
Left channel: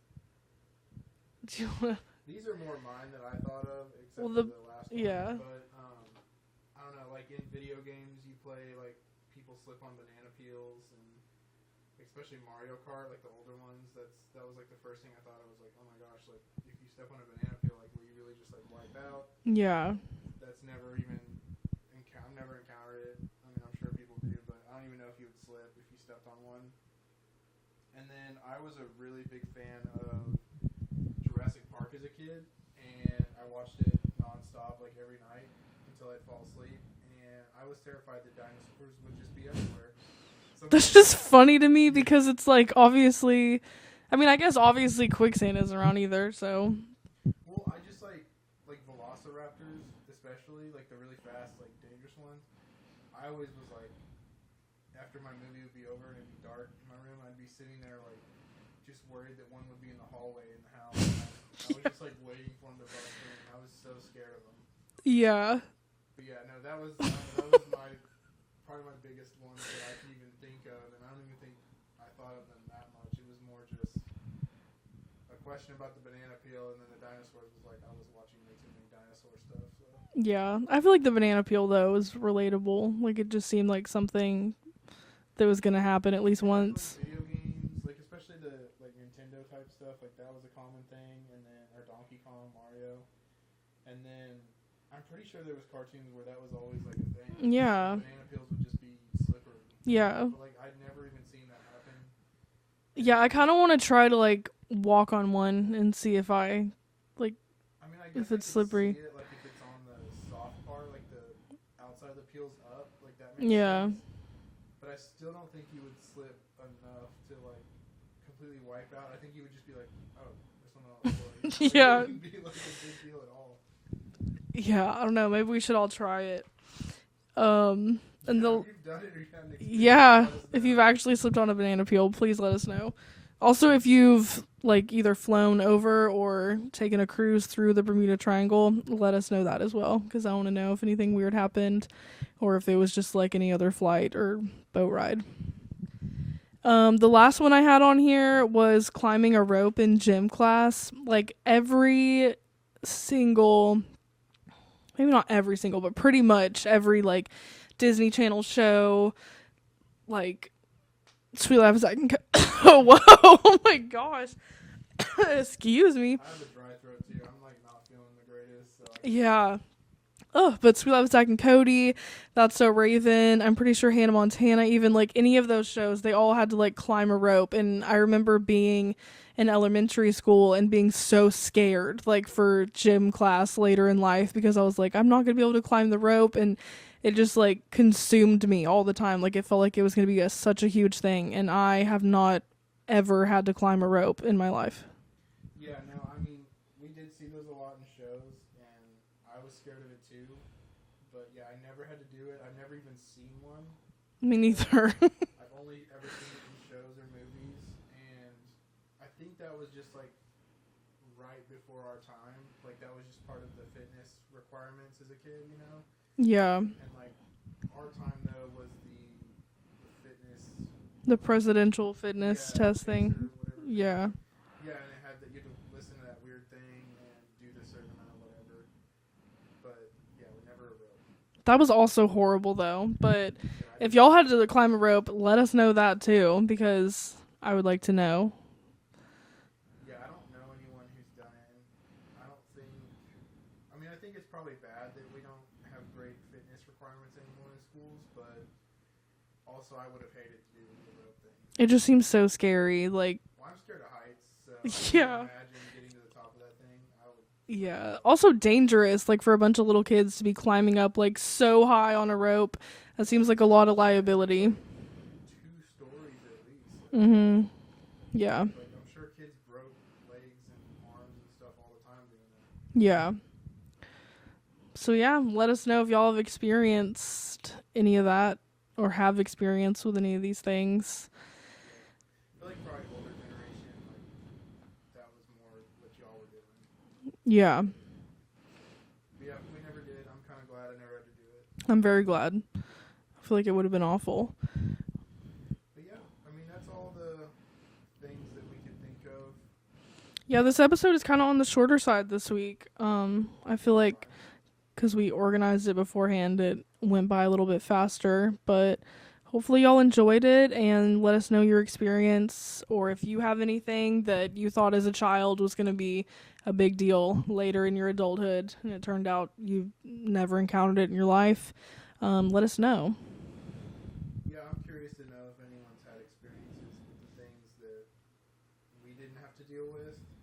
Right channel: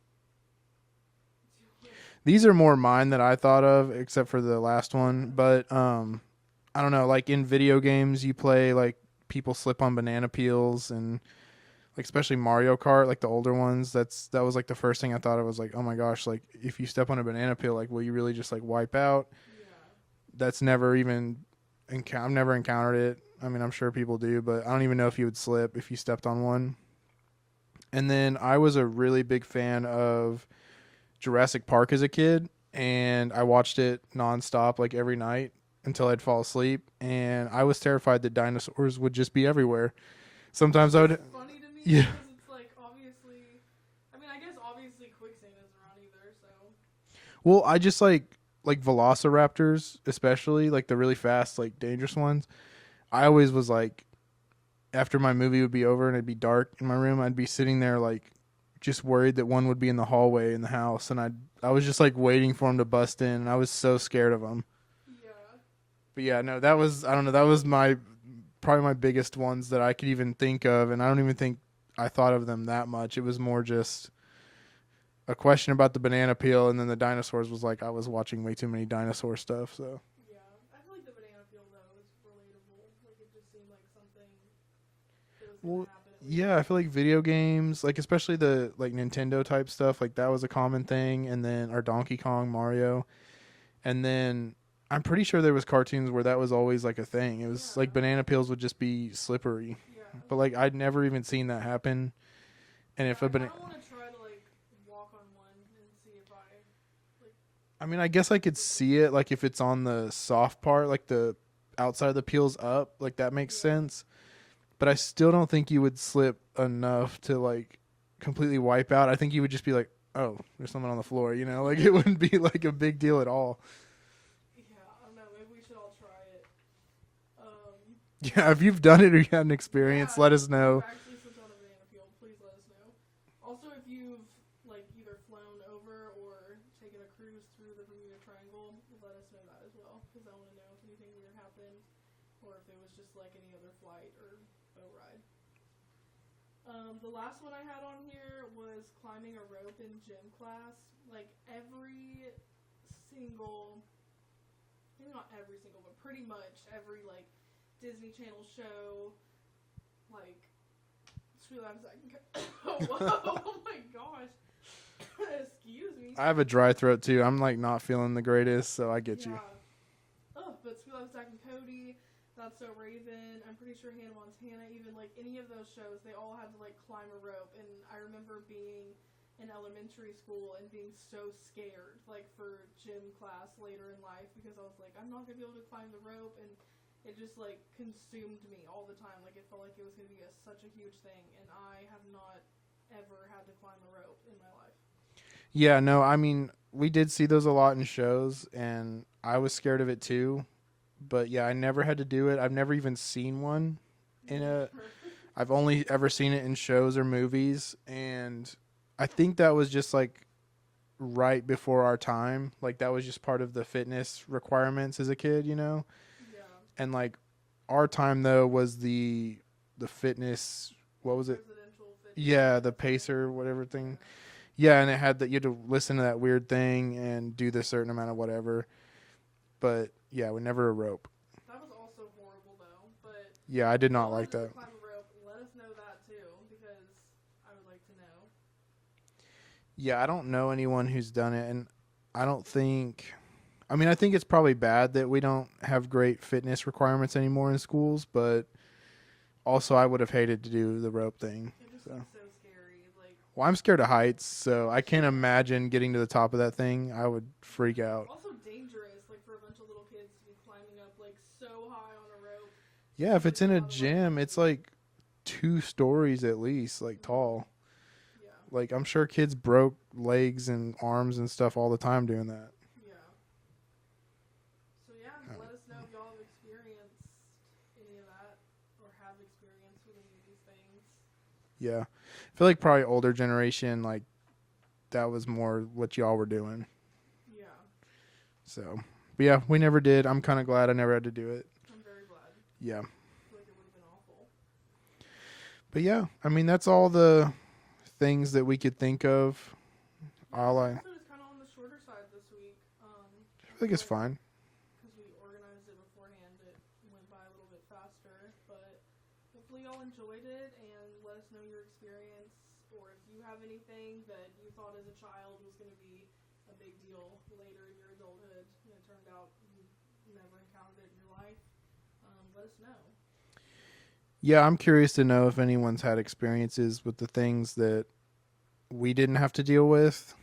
These are more mine that I thought of, except Well, for the last one. yeah. But I don't know. Like in video games, you play like people slip on banana peels, and like especially Mario Kart, like the older ones. That was like the first thing I thought of. Was like, oh my gosh, like if you step on a banana peel, like will you really just like wipe out? Yeah. That's never even. I've never encountered it. I mean, I'm sure people do, but I don't even know if you would slip if you stepped on one. And then I was a really big fan of Jurassic Park as a kid, and I watched it nonstop like every night until I'd fall asleep, and I was terrified that dinosaurs would just be everywhere. Sometimes That's just funny to me because it's like obviously, I mean, I guess obviously quicksand isn't around either, so. well, I just like velociraptors, especially like the really fast, like dangerous ones. I always was like, after my movie would be over and it'd be dark in my room, I'd be sitting there like just worried that one would be in the hallway in the house, and I was just like waiting for him to bust in, and I was so scared of him. Yeah. But yeah, no, that was, I don't know, that was probably my biggest ones that I could even think of, and I don't even think I thought of them that much. It was more just a question about the banana peel, and then the dinosaurs was like I was watching way too many dinosaur stuff. So Yeah. I feel like the banana peel though is relatable. Like it just seemed like something that was gonna happen at least yeah, once. I feel like video games, like especially the like Nintendo type stuff, like that was a common thing, and then our Donkey Kong, Mario, and then I'm pretty sure there was cartoons where that was always like a thing. It was Yeah. like banana peels would just be slippery, Yeah. but like I'd never even seen that happen. And Yeah, if I kind of want to try to like walk on one and see if I I mean, I guess I it's could slippery. see it, like if it's on the soft part, like the outside of the peel's up, like that makes Yeah. sense. But I still don't think you would slip enough to like completely wipe out. I think you would just be like, oh, there's someone on the floor, you know? Like Yeah. it wouldn't be like a big deal at all. Yeah, I don't know. Maybe we should all try it. Yeah, the- if you've done it or you had an experience, Yeah, let us if know. you've actually slipped on a banana peel, please let us know. Also, if you've like either flown over or taken a cruise through the Bermuda Triangle, let us know that as well, because I want to know if anything weird happened or if it was just like any other flight or boat ride. The last one I had on here was climbing a rope in gym class. Like every single, maybe not every single, but pretty much every like Disney Channel show, like Sweet Life of Zack and Whoa, oh my gosh. Excuse me. I have a dry throat too. I'm like not feeling the greatest, so I get you. Yeah. Oh, but Sweet Life of Zack and Cody, That's So Raven, I'm pretty sure Hannah Montana, even like any of those shows, they all had to like climb a rope. And I remember being in elementary school and being so scared like for gym class later in life, because I was like, I'm not gonna be able to climb the rope, and it just like consumed me all the time. Like it felt like it was gonna be such a huge thing, and I have not ever had to climb a rope in my life. Yeah, no, I mean, we did see those a lot in shows, and I was scared of it too. But yeah, I never had to do it. I've never even seen one. Me Yeah. neither. I've only ever seen it in shows or movies, and I think that was just like right before our time. Like that was just part of the fitness requirements as a kid, you know? Yeah. And like our time though was the fitness, what The was it? presidential fitness Yeah, testing. the pacer, whatever thing. Yeah. Yeah, and it had that you had to listen to that weird thing and do this certain amount of whatever. But yeah, we never a rope. That was also horrible though. But Yeah, I did if not y'all like had to that. climb a rope, let us know that too, because I would like to know. Yeah, I don't know anyone who's done it, and I don't think. I mean, I think it's probably bad that we don't have great fitness requirements anymore in schools, but also I would have hated to do the rope thing. It just seems so scary. Like, Well, I'm scared of heights, so I can't Yeah. imagine getting to the top of that thing. I would freak yeah. out. Also dangerous, like for a bunch of little kids to be climbing up like so high on a rope. That Yeah, seems if like it's a in lot of gym, liability. It's like 2 stories at least, like Mhm. tall. Yeah. Like I'm sure kids broke legs and arms and stuff all the time doing that. Yeah. So yeah, let us know if y'all have experienced any of that or have experience with any of these things. Yeah. I feel like probably older generation, like that was more what y'all were doing. Yeah. So, but yeah, we never did. I'm kind of glad I never had to do it. I'm very glad. Yeah. I feel like it would have been awful. But yeah, I mean, that's all the things that we could think of. Yeah, this I'll, episode is kind of on the shorter side this week. I feel it's like fine. because we organized it beforehand, it went by a little bit faster. But hopefully y'all enjoyed it, and let us know your experience, or if you have anything that you thought as a child was going to be a big deal later in your adulthood, and it turned out you never encountered it in your life. Let us know. Yeah, I'm curious to know if anyone's had experiences with the things that we didn't have to deal with.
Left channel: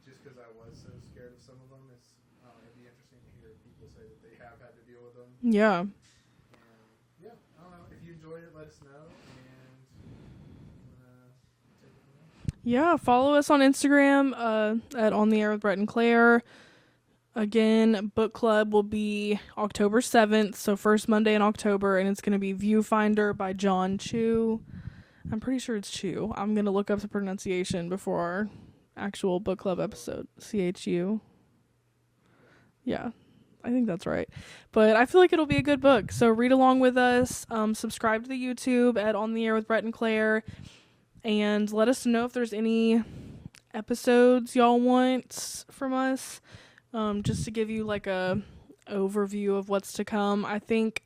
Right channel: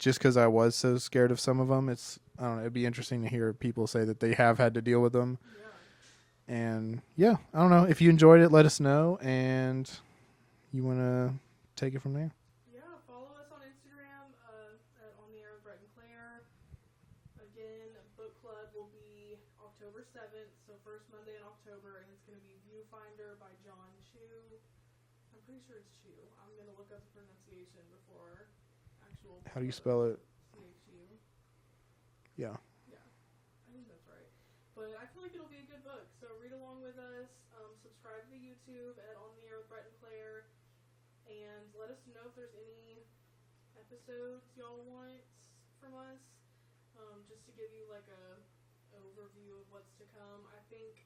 Just because I was so scared of some of them, I don't know, it'd be interesting to hear people say that they have had to deal with them. Yeah. And yeah, I don't know. If you enjoyed it, let us know, and you want to take it from there. Yeah, follow us on Instagram at On the Air with Brett and Claire. Again, book club will be October 7th, so first Monday in October, and it's going to be Viewfinder by John Chu. I'm pretty sure it's Chu. I'm going to look up the pronunciation before our actual book club episode. CHU. Yeah. Yeah, I think that's right. But I feel like it'll be a good book, so read along with us. Subscribe to the YouTube at On the Air with Brett and Claire, and let us know if there's any episodes y'all want from us. Just to give you like a overview of what's to come. I think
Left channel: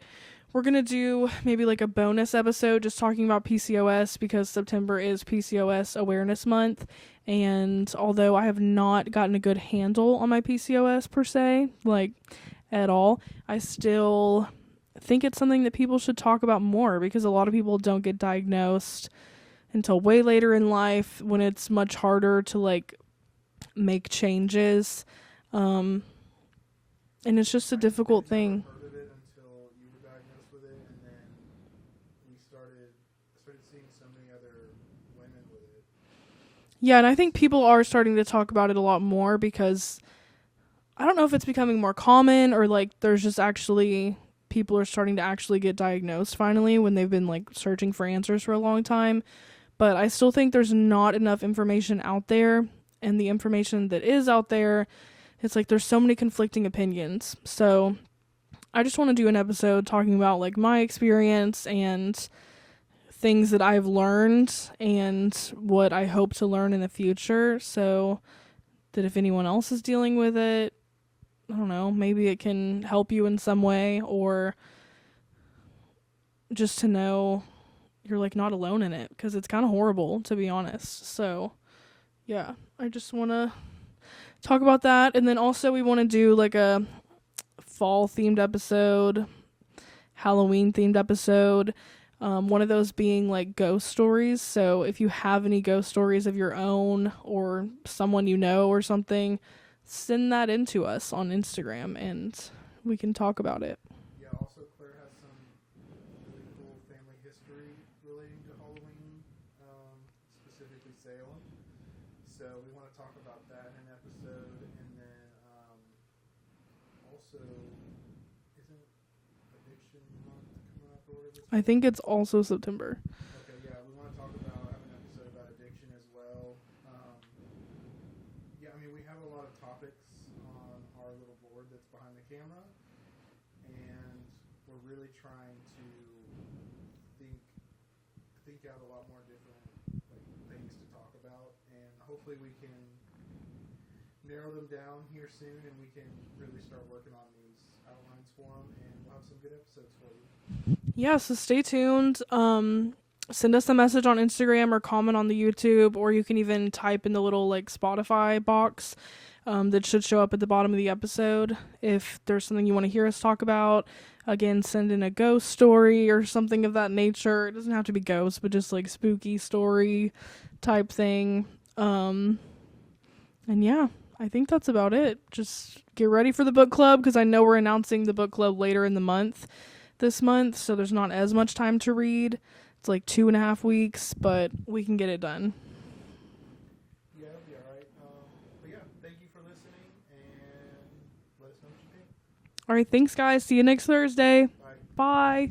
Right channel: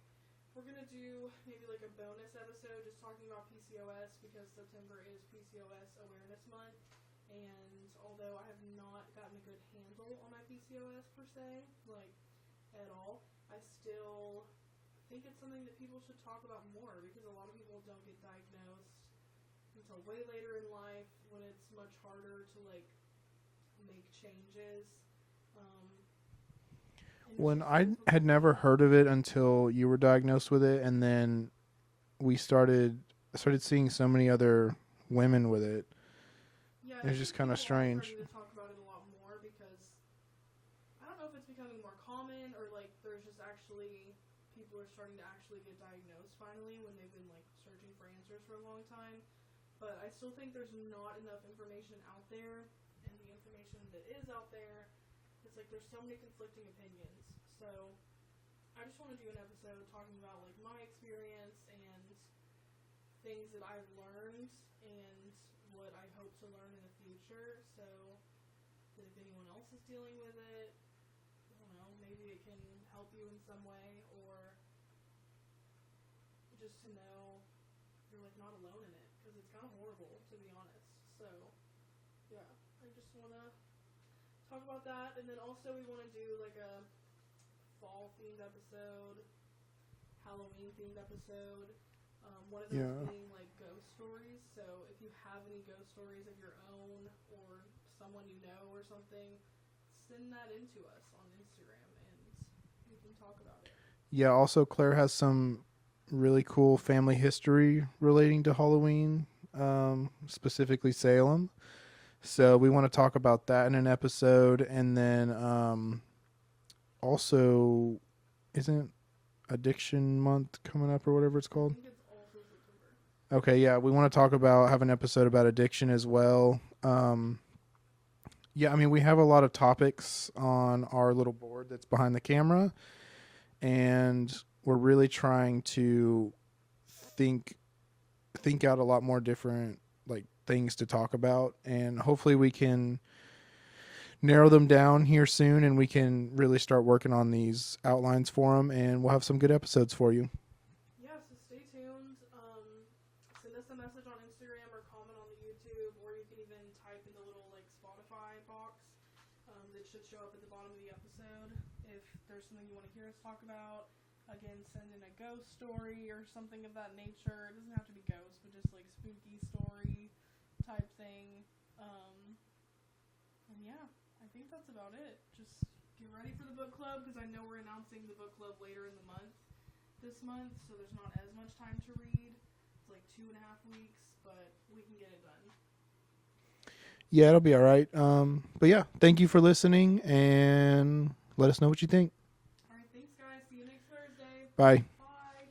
we're going to do maybe like a bonus episode just talking about PCOS, because September is PCOS Awareness Month. And although I have not gotten a good handle on my PCOS per se, like at all, I still think it's something that people should talk about more, because a lot of people don't get diagnosed until way later in life, when it's much harder to like make changes. And it's just a difficult thing. I had never heard of it until you were diagnosed with it, and then we started seeing so many other women with it. Yeah, and I think people are starting to talk about it a lot more, because I don't know if it's becoming more common, or like there's just actually people are starting to actually get diagnosed finally, when they've been like searching for answers for a long time. But I still think there's not enough information out there, and the information that is out there, it's like there's so many conflicting opinions. So I just want to do an episode talking about like my experience and things that I've learned and what I hope to learn in the future, so that if anyone else is dealing with it, I don't know, maybe it can help you in some way, or just to know you're like not alone in it, because it's kind of horrible, to be honest. So yeah, I just want to talk about that. And then also we want to do like a fall themed episode, Halloween themed episode, one of those being like ghost stories. So if you have any ghost stories of your own, or someone you know or something, send that in to us on Instagram and we can talk about it. Yeah, also Claire has some really cool family history relating to Halloween, specifically Salem. So we want to talk about that in an episode. And then also, isn't Addiction Month coming up or whatever it's called? I think it's also September. Okay, yeah. We want to have an episode about addiction as well. Yeah, I mean, we have a lot of topics on our little board that's behind the camera. And we're really trying to think out a lot more different like things to talk about, and hopefully we can narrow them down here soon, and we can really start working on these outlines for them, and we'll have some good episodes for you. Yeah, so stay tuned. Send us a message on Instagram or comment on the YouTube, or you can even type in the little like Spotify box that should show up at the bottom of the episode if there's something you want to hear us talk about. Again, send in a ghost story or something of that nature. It doesn't have to be ghosts, but just like spooky story type thing. And yeah, I think that's about it. Just get ready for the book club, because I know we're announcing the book club later in the month this month, so there's not as much time to read. It's like 2.5 weeks, but we can get it done. Yeah, it'll be all right. But yeah, thank you for listening, and let us know what you think. All right, thanks guys. See you next Thursday. Bye. Bye.